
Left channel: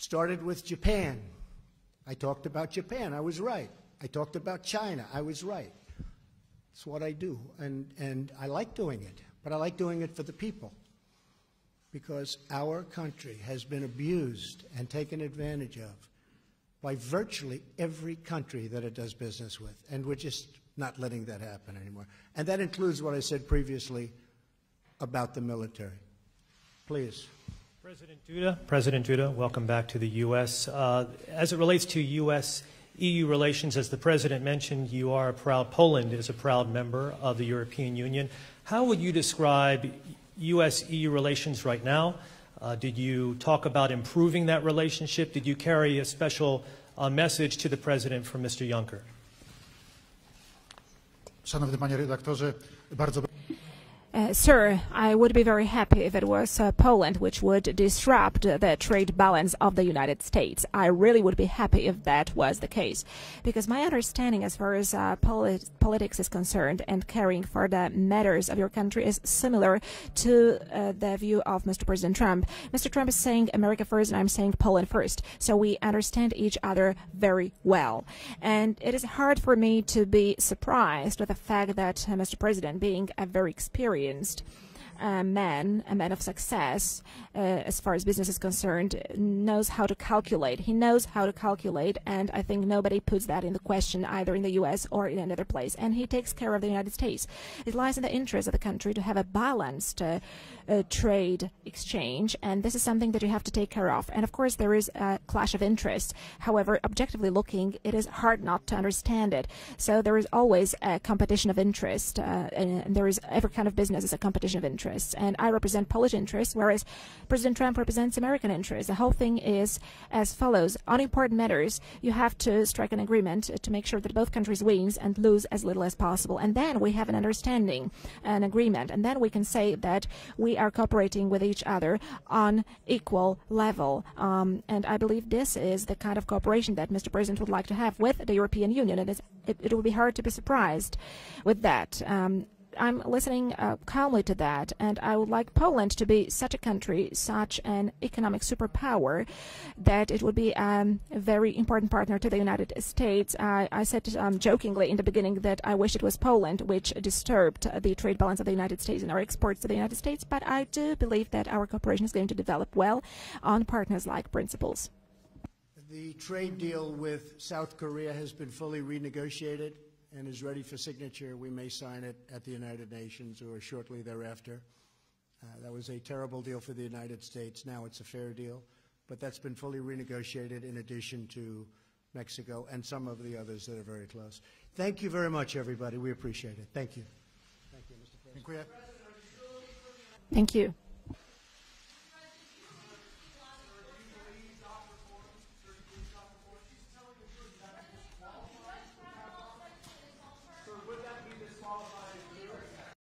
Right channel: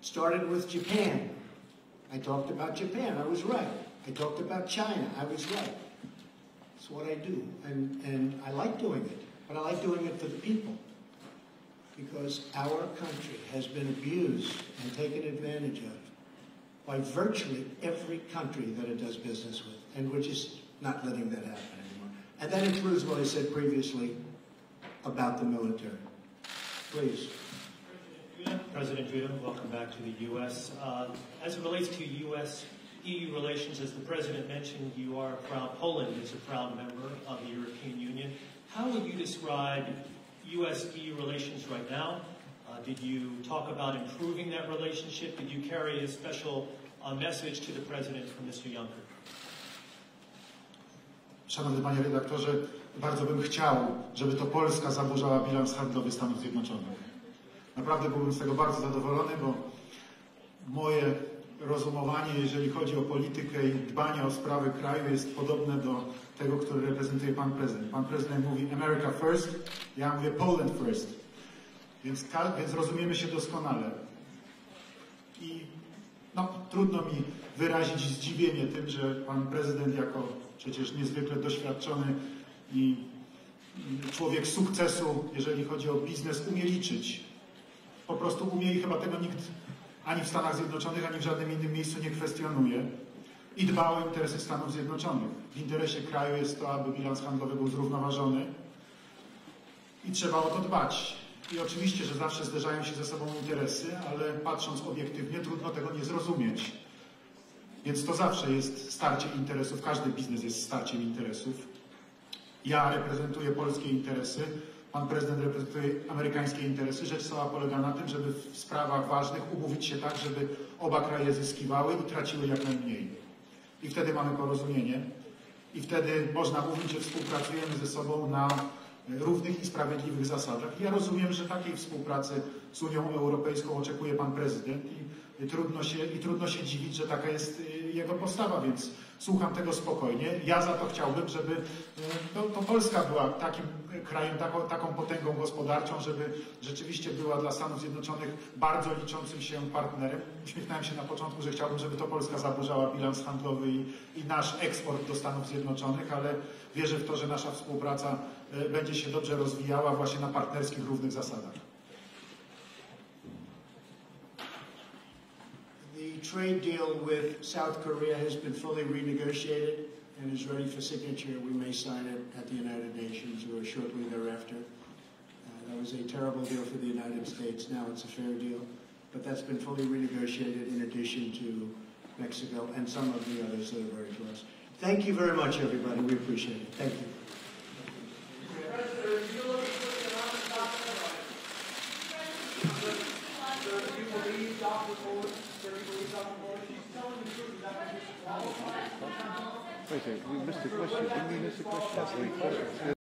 Started with Japan. I talked about Japan. I was right. I talked about China. I was right. It's what I do. And I like doing it. But I like doing it for the people. Because our country has been abused and taken advantage of by virtually every country that it does business with. And we're just not letting that happen anymore. And that includes what I said previously about the military. Please. President Duda, welcome back to the U.S. As it relates to U.S.-EU relations, as the President mentioned, Poland is a proud member of the European Union. How would you describe U.S.-EU relations right now? Did you talk about improving that relationship? Did you carry a special a message to the President from Mr. Juncker. Szanowny panie redaktorze, bardzo bym chciał, Sir, I would be very happy if it was Poland which would disrupt the trade balance of the United States. I really would be happy if that was the case. Because my understanding as far as politics is concerned and caring for the matters of your country is similar to the view of Mr. President Trump. Mr. Trump is saying America first and I'm saying Poland first. So we understand each other very well. And it is hard for me to be surprised with the fact that Mr. President, being a very experienced man, a man of success, as far as business is concerned, knows how to calculate. He knows how to calculate, and I think nobody puts that in the question either in the U.S. or in another place. And he takes care of the United States. It lies in the interest of the country to have a balanced trade exchange, and this is something that you have to take care of. And of course, there is a clash of interest. However, objectively looking, it is hard not to understand it. So there is always a competition of interest, and there is every kind of business is a competition of interest. And I represent Polish interests, whereas President Trump represents American interests. The whole thing is as follows. On important matters, you have to strike an agreement to make sure that both countries win and lose as little as possible. And then we have an understanding, an agreement. And then we can say that we are cooperating with each other on equal level. And I believe this is the kind of cooperation that Mr. President would like to have with the European Union. And it will be hard to be surprised with that. I'm listening calmly to that, and I would like Poland to be such a country, such an economic superpower, that it would be a very important partner to the United States. I said jokingly in the beginning that I wish it was Poland which disturbed the trade balance of the United States and our exports to the United States, but I do believe that our cooperation is going to develop well on partners-like principles. The trade deal with South Korea has been fully renegotiated and is ready for signature. We may sign it at the United Nations or shortly thereafter. That was a terrible deal for the United States. Now it's a fair deal, but that's been fully renegotiated in addition to Mexico and some of the others that are very close. Thank you very much, everybody. We appreciate it. Thank you. Thank you. Wait, we missed the question. Didn't we miss the question?